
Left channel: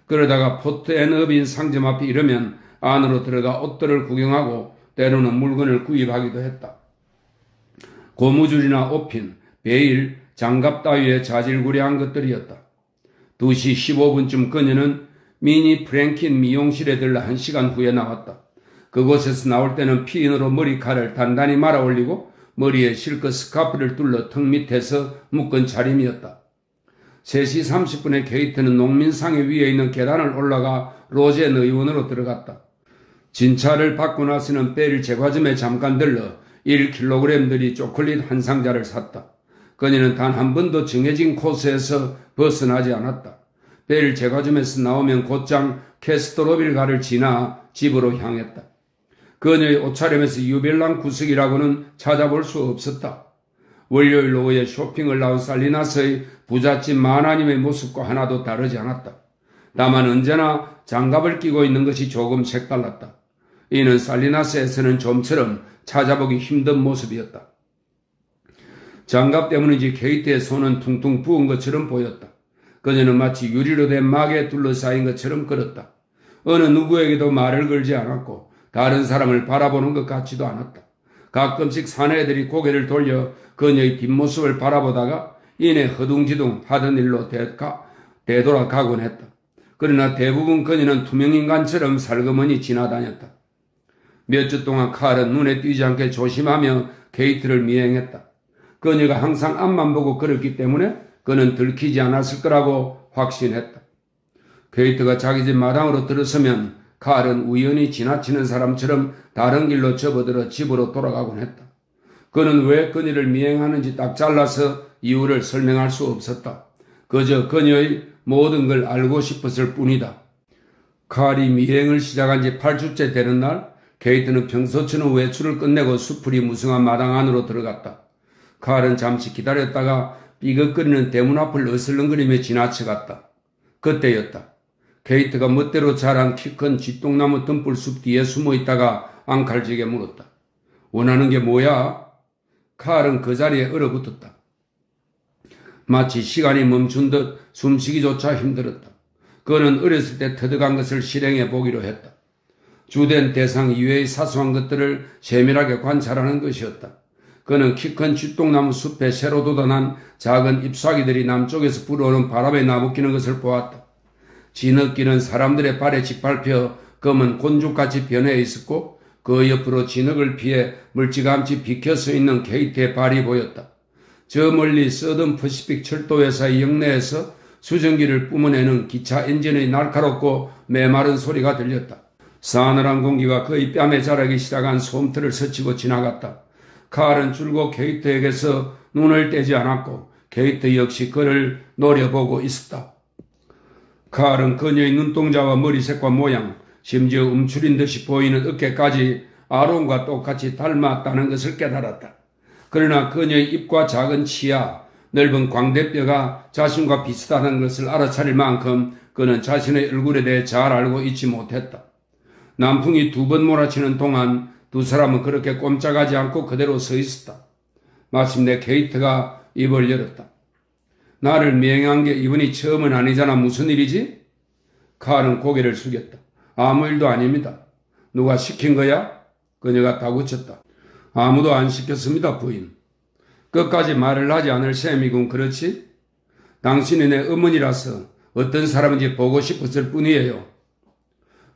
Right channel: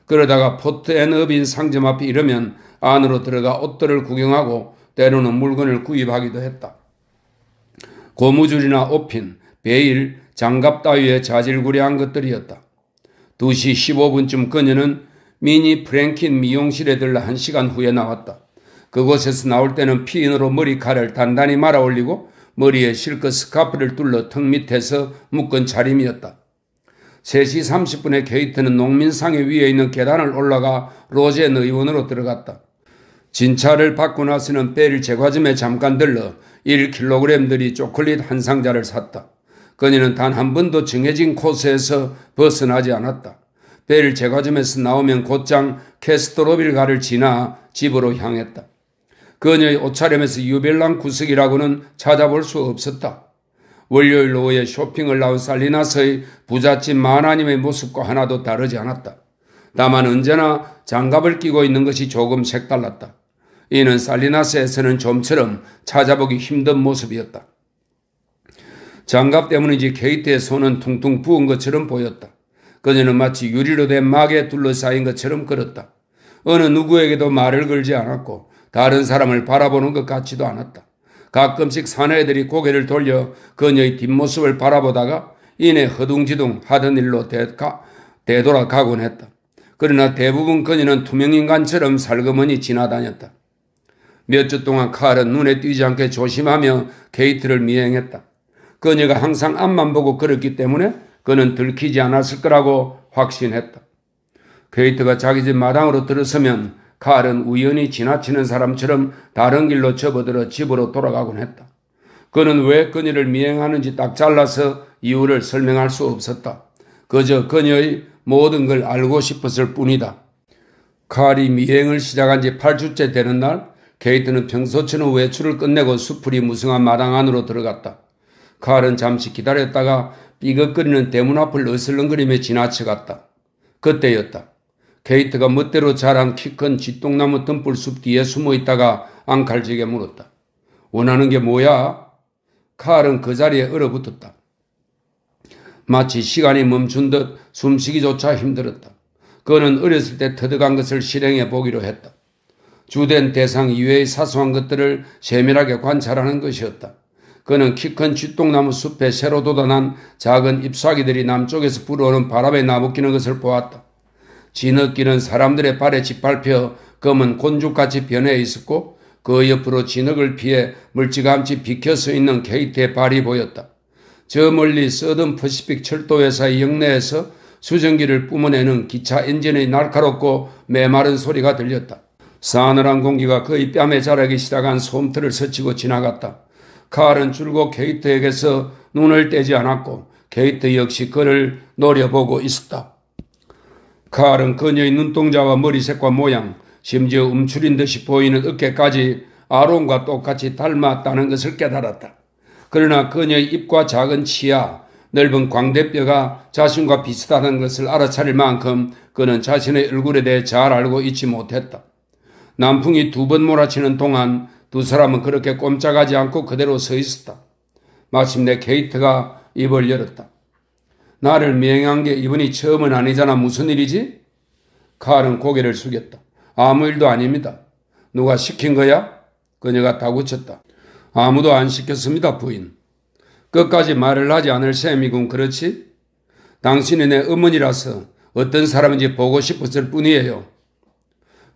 그러다가 포트 앤 어빈 상점 앞에 이르면 안으로 들어가 옷들을 구경하고 때로는 물건을 구입하기도 했다. 고무줄이나 옷핀, 베일, 장갑 따위의 자질구레한 것들이었다. 2시 15분쯤 그녀는 미니 프랭킨 미용실에 들러 1시간 후에 나왔다. 그곳에서 나올 때는 피인으로 머리칼을 단단히 말아 올리고 머리에 실컷 스카프를 둘러 턱 밑에서 묶은 차림이었다. 3시 30분에 케이트는 농민상회 위에 있는 계단을 올라가 로젠 의원으로 들어갔다. 진찰을 받고 나서는 베릴 제과점에 잠깐 들러 1kg들이 초콜릿 한 상자를 샀다. 그녀는 단 한 번도 정해진 코스에서 벗어나지 않았다. 베릴 제과점에서 나오면 곧장 캐스트로빌가를 지나 집으로 향했다. 그녀의 옷차림에서 유벨랑 구석이라고는 찾아볼 수 없었다. 월요일 오후에 쇼핑을 나온 살리나스의 부잣집 마나님의 모습과 하나도 다르지 않았다. 다만 언제나 장갑을 끼고 있는 것이 조금 색달랐다. 이는 살리나스에서는 좀처럼 찾아보기 힘든 모습이었다. 장갑 때문인지 케이트의 손은 퉁퉁 부은 것처럼 보였다. 그녀는 마치 유리로 된 막에 둘러싸인 것처럼 걸었다. 어느 누구에게도 말을 걸지 않았고 다른 사람을 바라보는 것 같지도 않았다. 가끔씩 사내들이 고개를 돌려 그녀의 뒷모습을 바라보다가 이내 허둥지둥 하던 일로 되돌아가곤 했다. 그러나 대부분 그녀는 투명인간처럼 살그머니 지나다녔다. 몇 주 동안 칼은 눈에 띄지 않게 조심하며 케이트를 미행했다. 그녀가 항상 앞만 보고 걸었기 때문에 그는 들키지 않았을 거라고 확신했다. 케이트가 자기 집 마당으로 들어서면 칼은 우연히 지나치는 사람처럼 다른 길로 접어들어 집으로 돌아가곤 했다. 그는 왜 그녀를 미행하는지 딱 잘라서 이유를 설명할 수 없었다. 그저 그녀의 모든 걸 알고 싶었을 뿐이다. 칼이 미행을 시작한 지 8주째 되는 날, 케이트는 평소처럼 외출을 끝내고 수풀이 무성한 마당 안으로 들어갔다. 칼은 잠시 기다렸다가 삐걱거리는 대문 앞을 어슬렁거리며 지나쳐갔다. 그때였다. 케이트가 멋대로 자란 키 큰 쥐똥나무 덤불숲 뒤에 숨어 있다가 앙칼지게 물었다. 원하는 게 뭐야? 칼은 그 자리에 얼어붙었다. 마치 시간이 멈춘 듯 숨쉬기조차 힘들었다. 그는 어렸을 때 터득한 것을 실행해 보기로 했다. 주된 대상 이외의 사소한 것들을 세밀하게 관찰하는 것이었다. 그는 키 큰 쥐똥나무 숲에 새로 돋아난 작은 잎사귀들이 남쪽에서 불어오는 바람에 나부끼는 것을 보았다. 진흙길은 사람들의 발에 짓밟혀 검은 곤죽같이 변해 있었고 그 옆으로 진흙을 피해 멀찌감치 비켜서 있는 케이트의 발이 보였다. 저 멀리 서든 퍼시픽 철도회사의 역내에서 수증기를 뿜어내는 기차 엔진의 날카롭고 메마른 소리가 들렸다. 싸늘한 공기가 그의 뺨에 자라기 시작한 솜털을 스치고 지나갔다. 칼은 줄곧 케이트에게서 눈을 떼지 않았고 케이트 역시 그를 노려보고 있었다. 칼은 그녀의 눈동자와 머리색과 모양, 심지어 움츠린 듯이 보이는 어깨까지 아론과 똑같이 닮았다는 것을 깨달았다. 그러나 그녀의 입과 작은 치아, 넓은 광대뼈가 자신과 비슷하다는 것을 알아차릴 만큼 그는 자신의 얼굴에 대해 잘 알고 있지 못했다. 남풍이 2번 몰아치는 동안 두 사람은 그렇게 꼼짝하지 않고 그대로 서 있었다. 마침내 케이트가 입을 열었다. 나를 미행한 게 이번이 처음은 아니잖아. 무슨 일이지? 칼은 고개를 숙였다. 아무 일도 아닙니다. 누가 시킨 거야? 그녀가 다구쳤다. 아무도 안 시켰습니다, 부인. 끝까지 말을 하지 않을 셈이군, 그렇지? 당신이 내 어머니라서 어떤 사람인지 보고 싶었을 뿐이에요.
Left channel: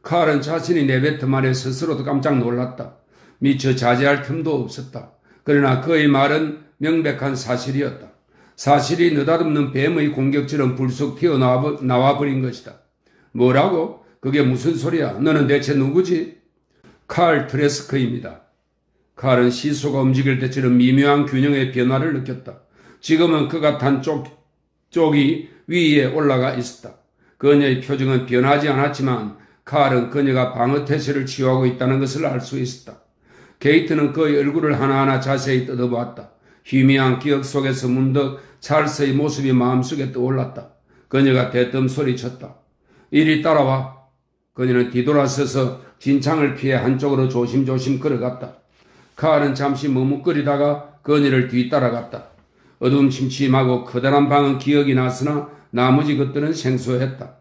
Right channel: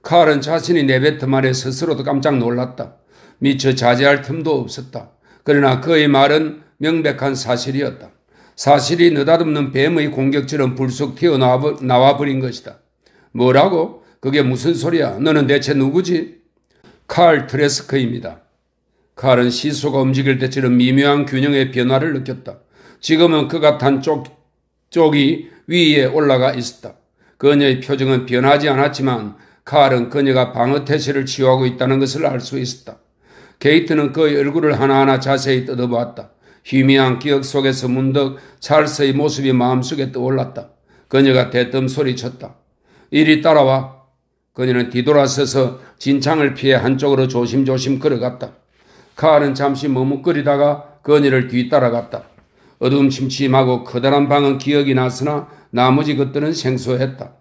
칼은 자신이 내뱉은 말에 스스로도 깜짝 놀랐다. 미처 자제할 틈도 없었다. 그러나 그의 말은 명백한 사실이었다. 사실이 느닷없는 뱀의 공격처럼 불쑥 튀어나와 버린 것이다. 뭐라고? 그게 무슨 소리야? 너는 대체 누구지? 칼 트레스커입니다. 칼은 시소가 움직일 때처럼 미묘한 균형의 변화를 느꼈다. 지금은 그가 탄 쪽이 위에 올라가 있었다. 그녀의 표정은 변하지 않았지만 칼은 그녀가 방어태세를 취하고 있다는 것을 알 수 있었다. 게이트는 그의 얼굴을 하나하나 자세히 뜯어보았다. 희미한 기억 속에서 문득 찰스의 모습이 마음속에 떠올랐다. 그녀가 대뜸 소리쳤다. 이리 따라와. 그녀는 뒤돌아서서 진창을 피해 한쪽으로 조심조심 걸어갔다. 칼은 잠시 머뭇거리다가 그녀를 뒤따라갔다. 어둠침침하고 커다란 방은 기억이 났으나 나머지 것들은 생소했다.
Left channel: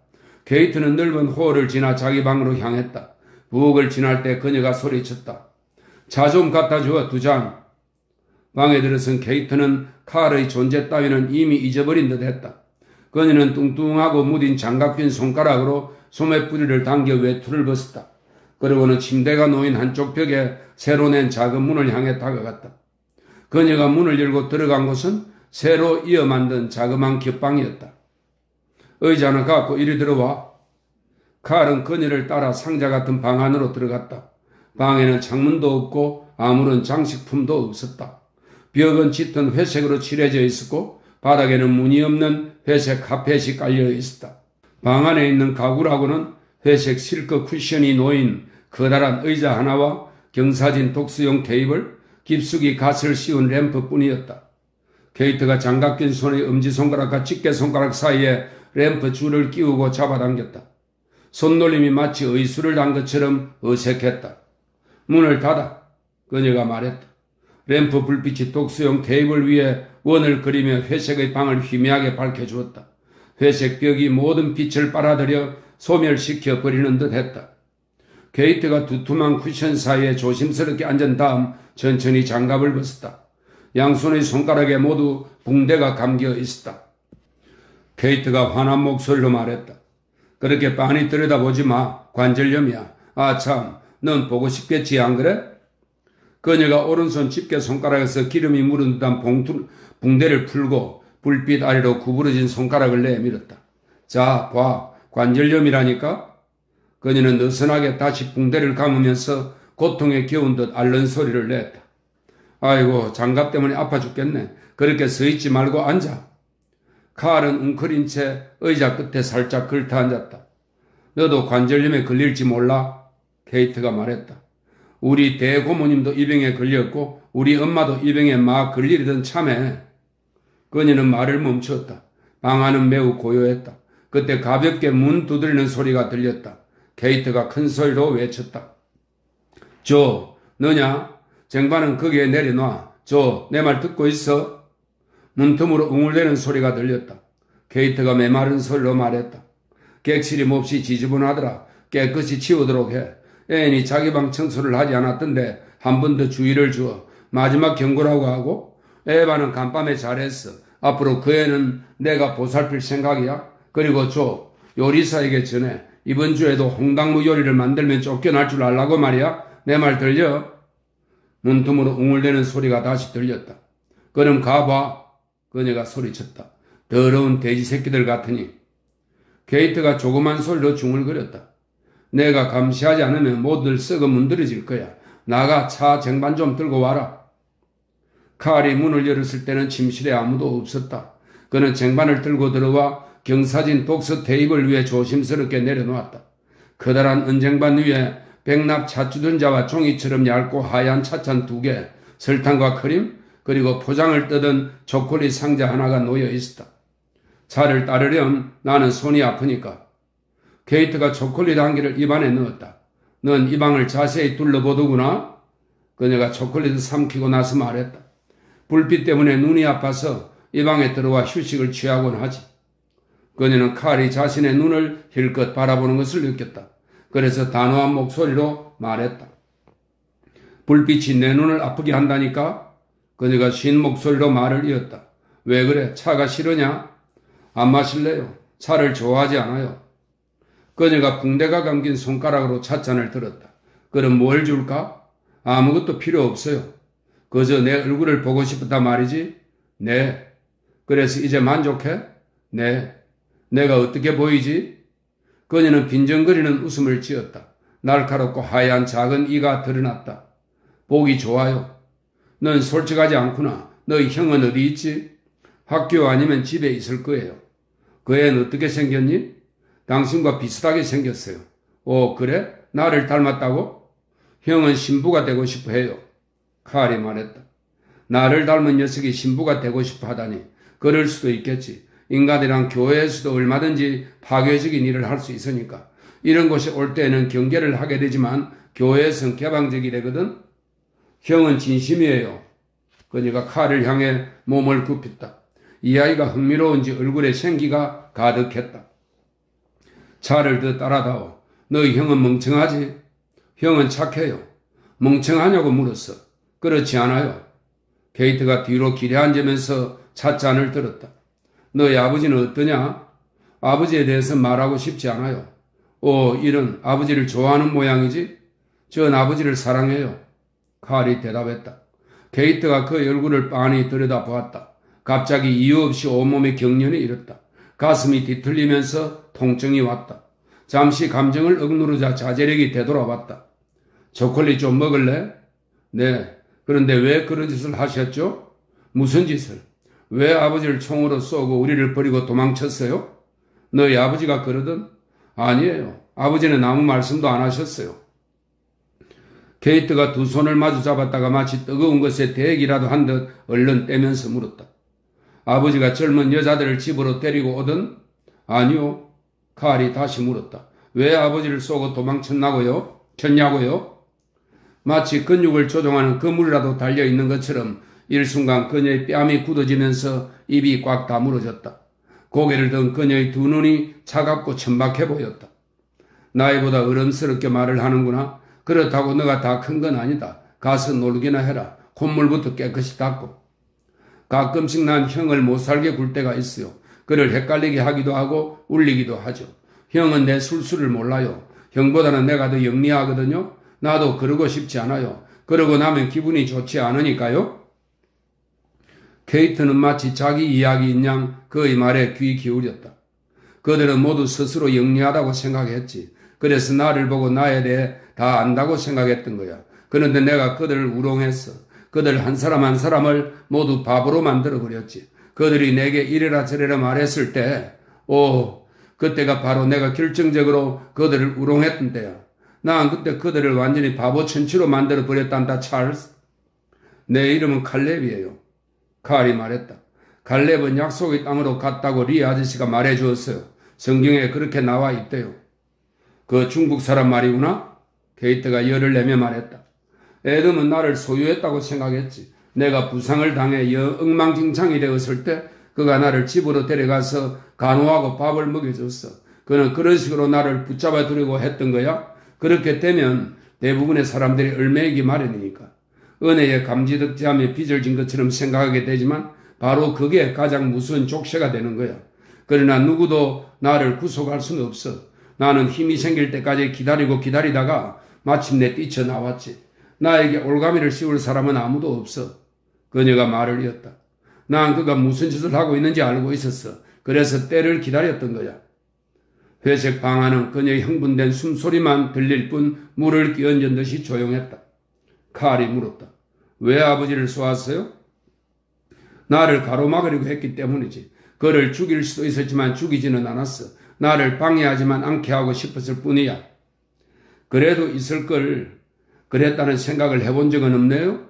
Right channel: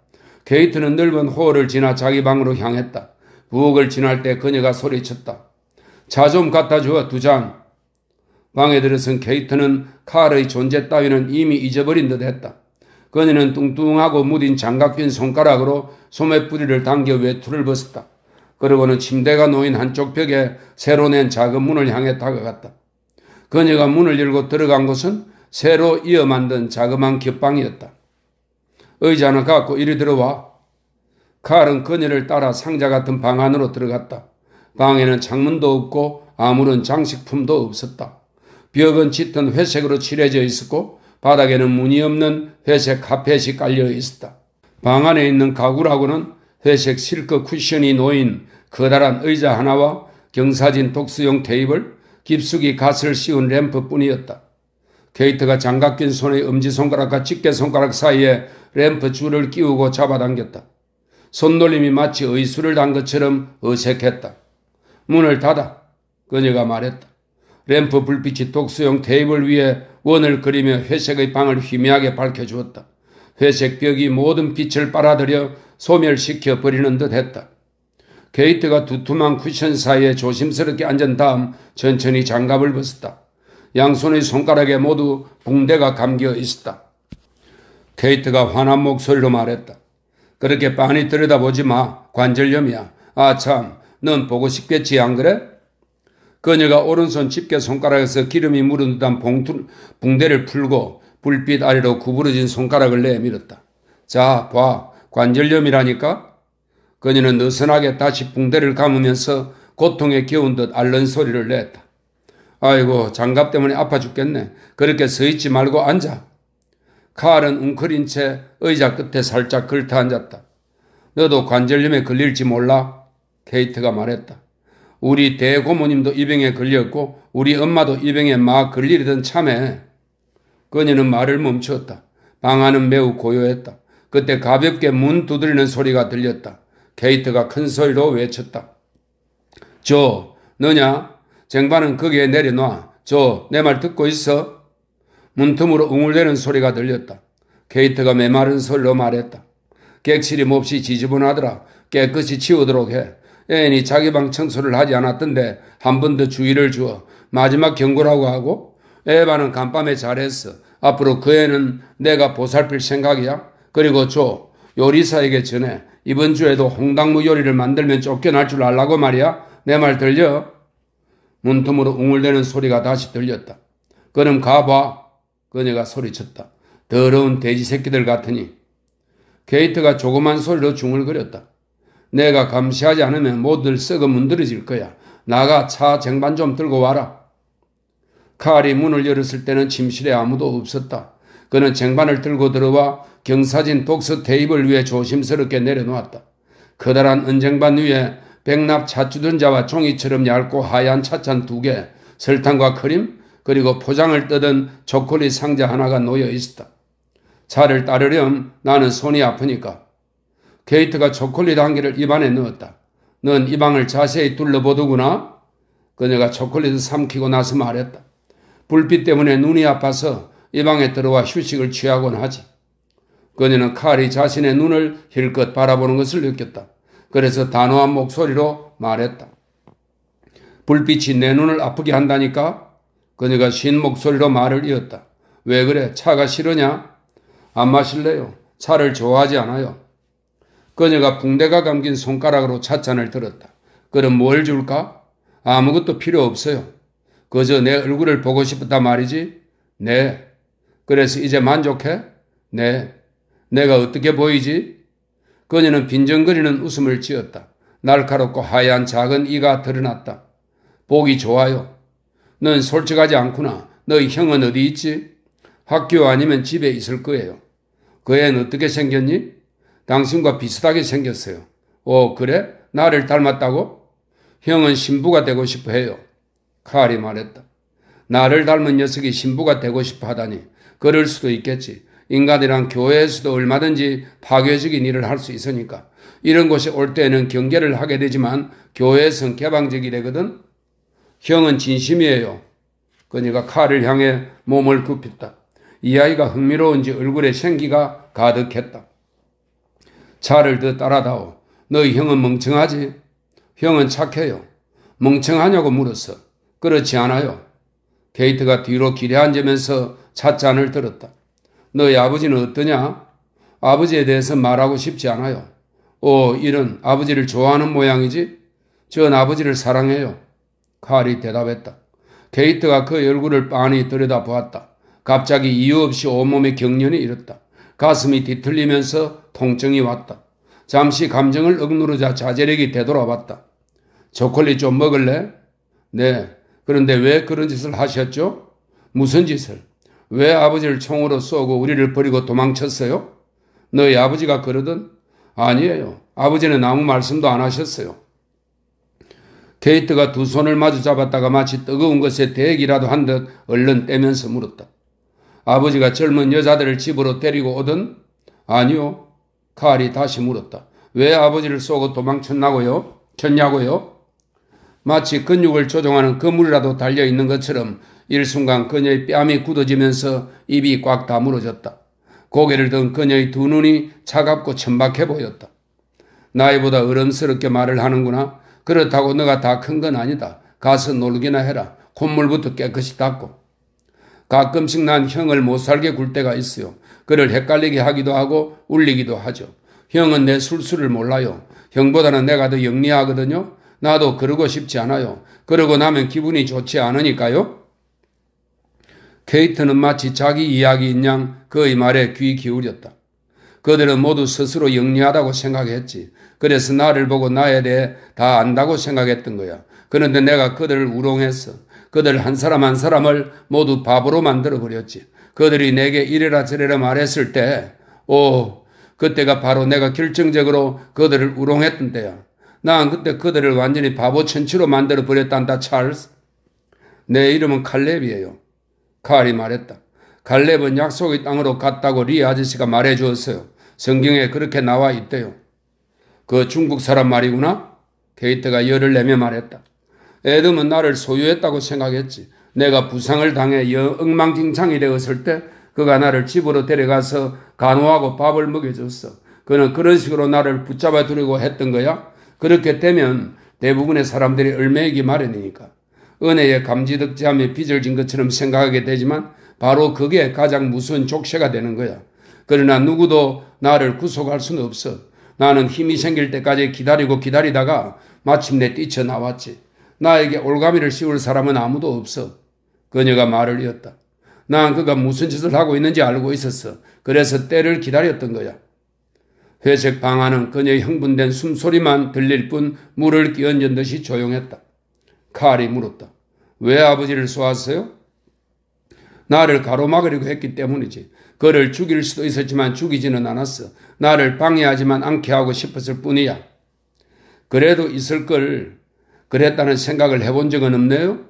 게이트는 넓은 홀을 지나 자기 방으로 향했다. 부엌을 지날 때 그녀가 소리쳤다. 차 좀 갖다 주어 2잔. 방에 들어선 케이트는 칼의 존재 따위는 이미 잊어버린 듯 했다. 그녀는 뚱뚱하고 무딘 장갑 낀 손가락으로 소매뿌리를 당겨 외투를 벗었다. 그러고는 침대가 놓인 한쪽 벽에 새로 낸 작은 문을 향해 다가갔다. 그녀가 문을 열고 들어간 곳은 새로 이어 만든 자그마한 겹방이었다. 의자는 갖고 이리 들어와. 칼은 그녀를 따라 상자 같은 방 안으로 들어갔다. 방에는 창문도 없고 아무런 장식품도 없었다. 벽은 짙은 회색으로 칠해져 있었고 바닥에는 무늬 없는 회색 카펫이 깔려 있었다. 방 안에 있는 가구라고는 회색 실크 쿠션이 놓인 커다란 의자 하나와 경사진 독서용 테이블, 깊숙이 갓을 씌운 램프뿐이었다. 케이트가 장갑 낀 손의 엄지손가락과 집게손가락 사이에 램프 줄을 끼우고 잡아당겼다. 손놀림이 마치 의수를 단 것처럼 어색했다. 문을 닫아. 그녀가 말했다. 램프 불빛이 독서용 테이블 위에 원을 그리며 회색의 방을 희미하게 밝혀주었다. 회색 벽이 모든 빛을 빨아들여 소멸시켜 버리는 듯 했다. 케이트가 두툼한 쿠션 사이에 조심스럽게 앉은 다음 천천히 장갑을 벗었다. 양손의 손가락에 모두 붕대가 감겨 있었다. 케이트가 화난 목소리로 말했다. 그렇게 빤히 들여다보지 마. 관절염이야. 아 참, 넌 보고 싶겠지 안 그래? 그녀가 오른손 집게 손가락에서 기름이 묻은 듯한 붕대를 풀고 불빛 아래로 구부러진 손가락을 내밀었다. 자, 봐. 관절염이라니까? 그녀는 느슨하게 다시 붕대를 감으면서 고통에 겨운 듯 앓는 소리를 냈다. 아이고, 장갑 때문에 아파 죽겠네. 그렇게 서 있지 말고 앉아. 칼은 웅크린 채 의자 끝에 살짝 걸터 앉았다. 너도 관절염에 걸릴지 몰라? 케이트가 말했다. 우리 대고모님도 이 병에 걸렸고 우리 엄마도 이 병에 막 걸리던 참에. 그녀는 말을 멈추었다. 방 안은 매우 고요했다. 그때 가볍게 문 두드리는 소리가 들렸다. 케이트가 큰 소리로 외쳤다. 조, 너냐? 쟁반은 거기에 내려놔. 조, 내 말 듣고 있어? 문틈으로 웅울대는 소리가 들렸다. 케이트가 메마른 소리로 말했다. 객실이 몹시 지저분하더라. 깨끗이 치우도록 해. 애인이 자기 방 청소를 하지 않았던데 한 번 더 주의를 주어. 마지막 경고라고 하고. 에바는 간밤에 잘했어. 앞으로 그 애는 내가 보살필 생각이야. 그리고 조, 요리사에게 전해. 이번 주에도 홍당무 요리를 만들면 쫓겨날 줄 알라고 말이야. 내 말 들려? 문틈으로 웅울대는 소리가 다시 들렸다. 그럼 가봐. 그녀가 소리쳤다. 더러운 돼지 새끼들 같으니. 케이트가 조그만 소리로 중얼거렸다. 내가 감시하지 않으면 모두들 썩어 문드러질 거야. 나가 차 쟁반 좀 들고 와라. 칼이 문을 열었을 때는 침실에 아무도 없었다. 그는 쟁반을 들고 들어와 경사진 독서 테이블 위에 조심스럽게 내려놓았다. 커다란 은쟁반 위에 백납 찻주전자와 종이처럼 얇고 하얀 찻잔 2개, 설탕과 크림, 그리고 포장을 뜯은 초콜릿 상자 하나가 놓여 있었다. 차를 따르렴. 나는 손이 아프니까. 케이트가 초콜릿 한 개를 입안에 넣었다. 넌 이 방을 자세히 둘러보더구나. 그녀가 초콜릿을 삼키고 나서 말했다. 불빛 때문에 눈이 아파서 이 방에 들어와 휴식을 취하곤 하지. 그녀는 칼이 자신의 눈을 힐끗 바라보는 것을 느꼈다. 그래서 단호한 목소리로 말했다. 불빛이 내 눈을 아프게 한다니까? 그녀가 쉰 목소리로 말을 이었다. 왜 그래? 차가 싫으냐? 안 마실래요? 차를 좋아하지 않아요. 그녀가 붕대가 감긴 손가락으로 찻잔을 들었다. 그럼 뭘 줄까? 아무것도 필요 없어요. 그저 내 얼굴을 보고 싶었다 말이지? 네. 그래서 이제 만족해? 네. 내가 어떻게 보이지? 그녀는 빈정거리는 웃음을 지었다. 날카롭고 하얀 작은 이가 드러났다. 보기 좋아요. 넌 솔직하지 않구나. 너희 형은 어디 있지? 학교 아니면 집에 있을 거예요. 그 애는 어떻게 생겼니? 당신과 비슷하게 생겼어요. 오, 그래? 나를 닮았다고? 형은 신부가 되고 싶어 해요. 칼이 말했다. 나를 닮은 녀석이 신부가 되고 싶어 하다니. 그럴 수도 있겠지. 인간이란 교회에서도 얼마든지 파괴적인 일을 할 수 있으니까. 이런 곳에 올 때는 경계를 하게 되지만 교회에서는 개방적이래거든. 형은 진심이에요. 그녀가 칼을 향해 몸을 굽혔다. 이 아이가 흥미로운지 얼굴에 생기가 가득했다. 차를 더 따라다오. 너희 형은 멍청하지? 형은 착해요. 멍청하냐고 물었어. 그렇지 않아요. 케이트가 뒤로 기대 앉으면서 찻잔을 들었다. 너희 아버지는 어떠냐? 아버지에 대해서 말하고 싶지 않아요. 오, 이런 아버지를 좋아하는 모양이지? 전 아버지를 사랑해요. 칼이 대답했다. 케이트가 그 얼굴을 빤히 들여다보았다. 갑자기 이유 없이 온몸에 경련이 일었다. 가슴이 뒤틀리면서 통증이 왔다. 잠시 감정을 억누르자 자제력이 되돌아왔다. 초콜릿 좀 먹을래? 네. 그런데 왜 그런 짓을 하셨죠? 무슨 짓을? 왜 아버지를 총으로 쏘고 우리를 버리고 도망쳤어요? 너희 아버지가 그러던? 아니에요. 아버지는 아무 말씀도 안 하셨어요. 케이트가 두 손을 마주 잡았다가 마치 뜨거운 것에 대기라도 한 듯 얼른 떼면서 물었다. 아버지가 젊은 여자들을 집으로 데리고 오던? 아니요. 칼이 다시 물었다. 왜 아버지를 쏘고 도망쳤냐고요? 마치 근육을 조종하는 그물이라도 달려있는 것처럼 일순간 그녀의 뺨이 굳어지면서 입이 꽉 다물어졌다. 고개를 든 그녀의 두 눈이 차갑고 천박해 보였다. 나이보다 어른스럽게 말을 하는구나. 그렇다고 너가 다 큰 건 아니다. 가서 놀기나 해라. 콧물부터 깨끗이 닦고. 가끔씩 난 형을 못 살게 굴 때가 있어요. 그를 헷갈리게 하기도 하고 울리기도 하죠. 형은 내 술수를 몰라요. 형보다는 내가 더 영리하거든요. 나도 그러고 싶지 않아요. 그러고 나면 기분이 좋지 않으니까요. 케이트는 마치 자기 이야기인 양 그의 말에 귀 기울였다. 그들은 모두 스스로 영리하다고 생각했지. 그래서 나를 보고 나에 대해 다 안다고 생각했던 거야. 그런데 내가 그들을 우롱했어. 그들 한 사람 한 사람을 모두 바보로 만들어버렸지. 그들이 내게 이래라 저래라 말했을 때, 그때가 바로 내가 결정적으로 그들을 우롱했던 때야. 난 그때 그들을 완전히 바보 천치로 만들어버렸단다, 찰스. 내 이름은 칼렙이에요. 칼이 말했다. 칼렙은 약속의 땅으로 갔다고 리 아저씨가 말해주었어요. 성경에 그렇게 나와 있대요. 그 중국 사람 말이구나? 케이트가 열을 내며 말했다. 에덤은 나를 소유했다고 생각했지. 내가 부상을 당해 엉망진창이 되었을 때 그가 나를 집으로 데려가서 간호하고 밥을 먹여줬어. 그는 그런 식으로 나를 붙잡아 두려고 했던 거야. 그렇게 되면 대부분의 사람들이 얽매이기 마련이니까. 은혜에 감지덕지하며 빚을 진 것처럼 생각하게 되지만 바로 그게 가장 무서운 족쇄가 되는 거야. 그러나 누구도 나를 구속할 수는 없어. 나는 힘이 생길 때까지 기다리다가 마침내 뛰쳐나왔지. 나에게 올가미를 씌울 사람은 아무도 없어. 그녀가 말을 이었다. 난 그가 무슨 짓을 하고 있는지 알고 있었어. 그래서 때를 기다렸던 거야. 회색 방 안은 그녀의 흥분된 숨소리만 들릴 뿐 물을 끼얹은 듯이 조용했다. 칼이 물었다. 왜 아버지를 쏘았어요? 나를 가로막으려고 했기 때문이지. 그를 죽일 수도 있었지만 죽이지는 않았어. 나를 방해하지만 않게 하고 싶었을 뿐이야. 그래도 있을 걸 그랬다는 생각을 해본 적은 없네요?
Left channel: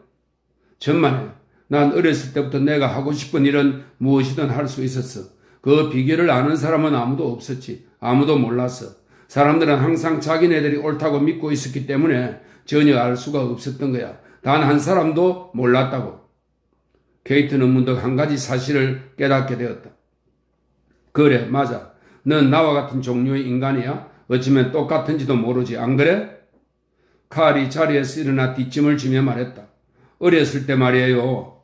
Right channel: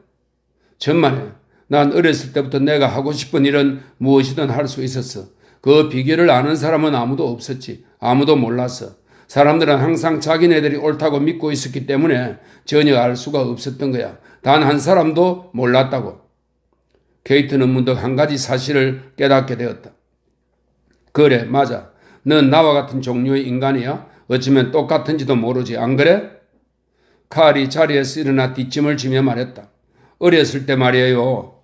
정말요. 난 어렸을 때부터 내가 하고 싶은 일은 무엇이든 할 수 있었어. 그 비결을 아는 사람은 아무도 없었지. 아무도 몰랐어. 사람들은 항상 자기네들이 옳다고 믿고 있었기 때문에 전혀 알 수가 없었던 거야. 단 한 사람도 몰랐다고. 케이트는 문득 한 가지 사실을 깨닫게 되었다. 그래, 맞아. 넌 나와 같은 종류의 인간이야. 어쩌면 똑같은지도 모르지. 안 그래? 칼이 자리에서 일어나 뒷짐을 지며 말했다. 어렸을 때 말이에요.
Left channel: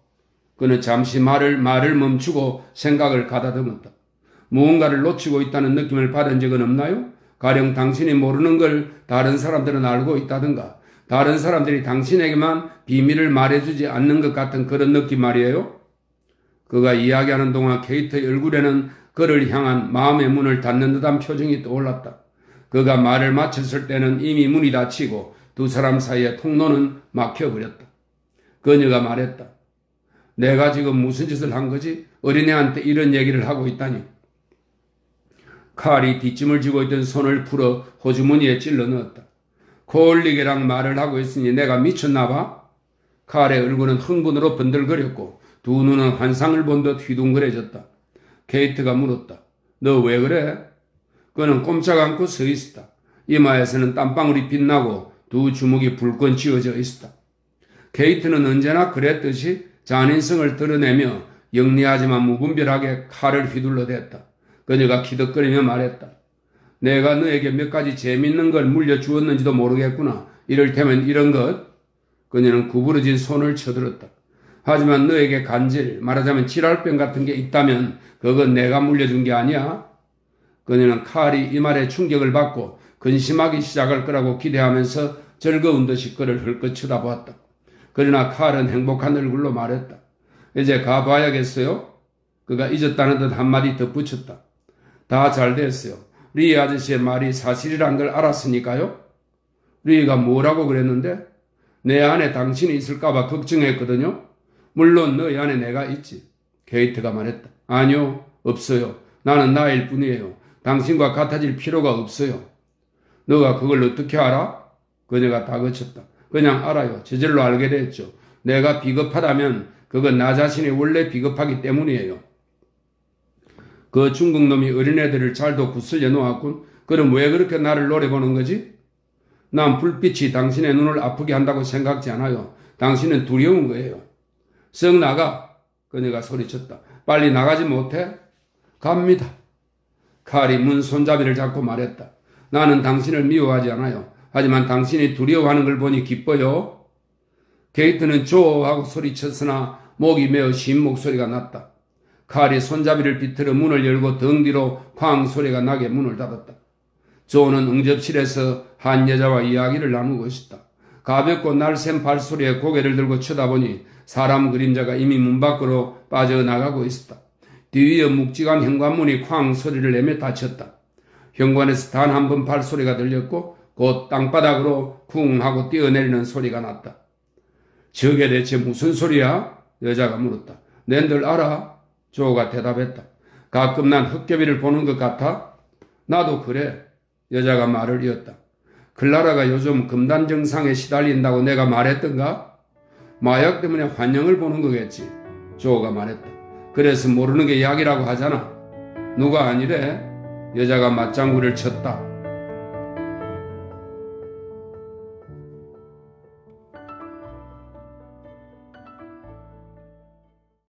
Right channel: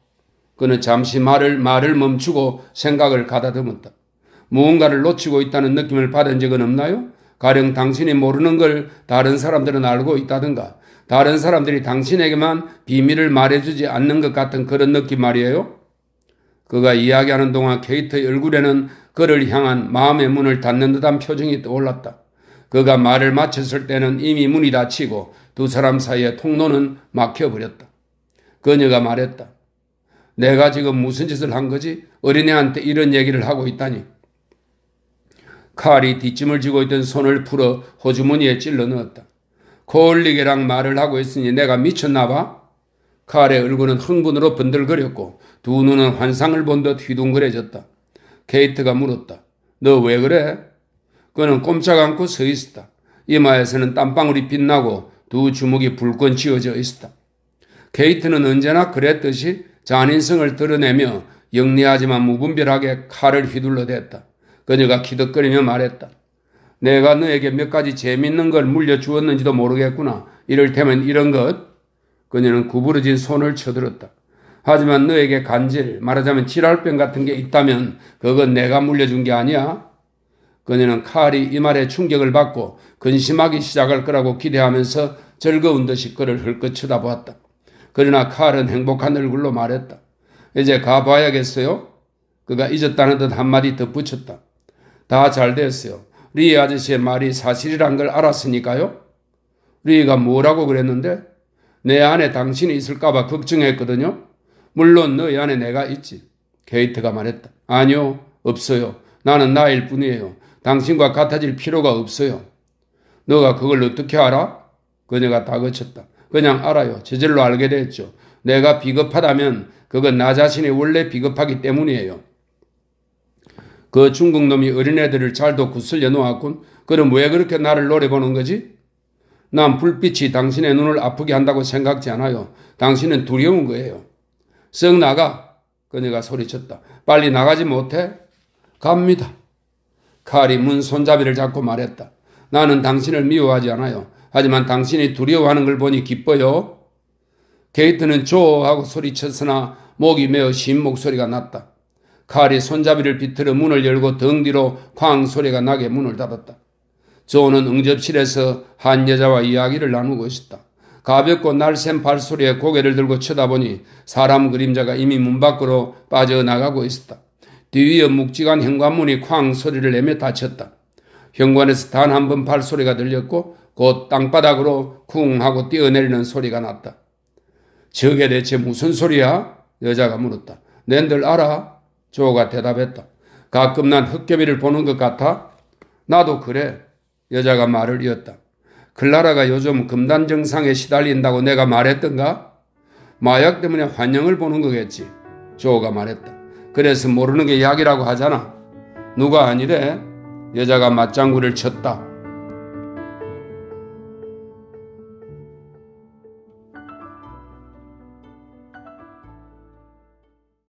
그는 잠시 말을 멈추고 생각을 가다듬었다. 무언가를 놓치고 있다는 느낌을 받은 적은 없나요? 가령 당신이 모르는 걸 다른 사람들은 알고 있다든가 다른 사람들이 당신에게만 비밀을 말해주지 않는 것 같은 그런 느낌 말이에요. 그가 이야기하는 동안 케이트의 얼굴에는 그를 향한 마음의 문을 닫는 듯한 표정이 떠올랐다. 그가 말을 마쳤을 때는 이미 문이 닫히고 두 사람 사이의 통로는 막혀버렸다. 그녀가 말했다. 내가 지금 무슨 짓을 한 거지? 어린애한테 이런 얘기를 하고 있다니. 칼이 뒷짐을 쥐고 있던 손을 풀어 호주머니에 찔러 넣었다. 코올리게랑 말을 하고 있으니 내가 미쳤나 봐? 칼의 얼굴은 흥분으로 번들거렸고 두 눈은 환상을 본 듯 휘둥그레졌다. 케이트가 물었다. 너 왜 그래? 그는 꼼짝 않고 서 있었다. 이마에서는 땀방울이 빛나고 두 주먹이 불끈 쥐어져 있었다. 케이트는 언제나 그랬듯이 잔인성을 드러내며 영리하지만 무분별하게 칼을 휘둘러댔다. 그녀가 키득거리며 말했다. 내가 너에게 몇 가지 재밌는 걸 물려주었는지도 모르겠구나. 이를테면 이런 것. 그녀는 구부러진 손을 쳐들었다. 하지만 너에게 간질, 말하자면 지랄병 같은 게 있다면 그건 내가 물려준 게 아니야. 그녀는 칼이 이 말에 충격을 받고 근심하기 시작할 거라고 기대하면서 즐거운 듯이 그를 흘끗 쳐다보았다. 그러나 칼은 행복한 얼굴로 말했다. 이제 가봐야겠어요? 그가 잊었다는 듯 한마디 덧붙였다. 다 잘 됐어요. 리 아저씨의 말이 사실이란 걸 알았으니까요. 리가 뭐라고 그랬는데? 내 안에 당신이 있을까봐 걱정했거든요. 물론 너희 안에 내가 있지. 케이트가 말했다. 아니요, 없어요. 나는 나일 뿐이에요. 당신과 같아질 필요가 없어요. 너가 그걸 어떻게 알아? 그녀가 다그쳤다. 그냥 알아요. 저절로 알게 됐죠. 내가 비겁하다면 그건 나 자신이 원래 비겁하기 때문이에요. 그 중국 놈이 어린애들을 잘도 구슬려 놓았군. 그럼 왜 그렇게 나를 노려보는 거지? 난 불빛이 당신의 눈을 아프게 한다고 생각지 않아요. 당신은 두려운 거예요. 썩 나가. 그녀가 소리쳤다. 빨리 나가지 못해? 갑니다. 칼이 문 손잡이를 잡고 말했다. 나는 당신을 미워하지 않아요. 하지만 당신이 두려워하는 걸 보니 기뻐요. 게이트는 조하고 소리쳤으나 목이 메어 쉰 목소리가 났다. 칼이 손잡이를 비틀어 문을 열고 등 뒤로 쾅 소리가 나게 문을 닫았다. 조는 응접실에서 한 여자와 이야기를 나누고 있었다. 가볍고 날쌘 발소리에 고개를 들고 쳐다보니 사람 그림자가 이미 문 밖으로 빠져나가고 있었다. 뒤위에 묵직한 현관문이 쾅 소리를 내며 닫혔다. 현관에서 단 한 번 발소리가 들렸고 곧 땅바닥으로 쿵 하고 뛰어내리는 소리가 났다. 저게 대체 무슨 소리야? 여자가 물었다. 낸들 알아? 조가 대답했다. 가끔 난 헛개비를 보는 것 같아? 나도 그래. 여자가 말을 이었다. 클라라가 요즘 금단 증상에 시달린다고 내가 말했던가? 마약 때문에 환영을 보는 거겠지. 조가 말했다. 그래서 모르는 게 약이라고 하잖아. 누가 아니래? 여자가 맞장구를 쳤다.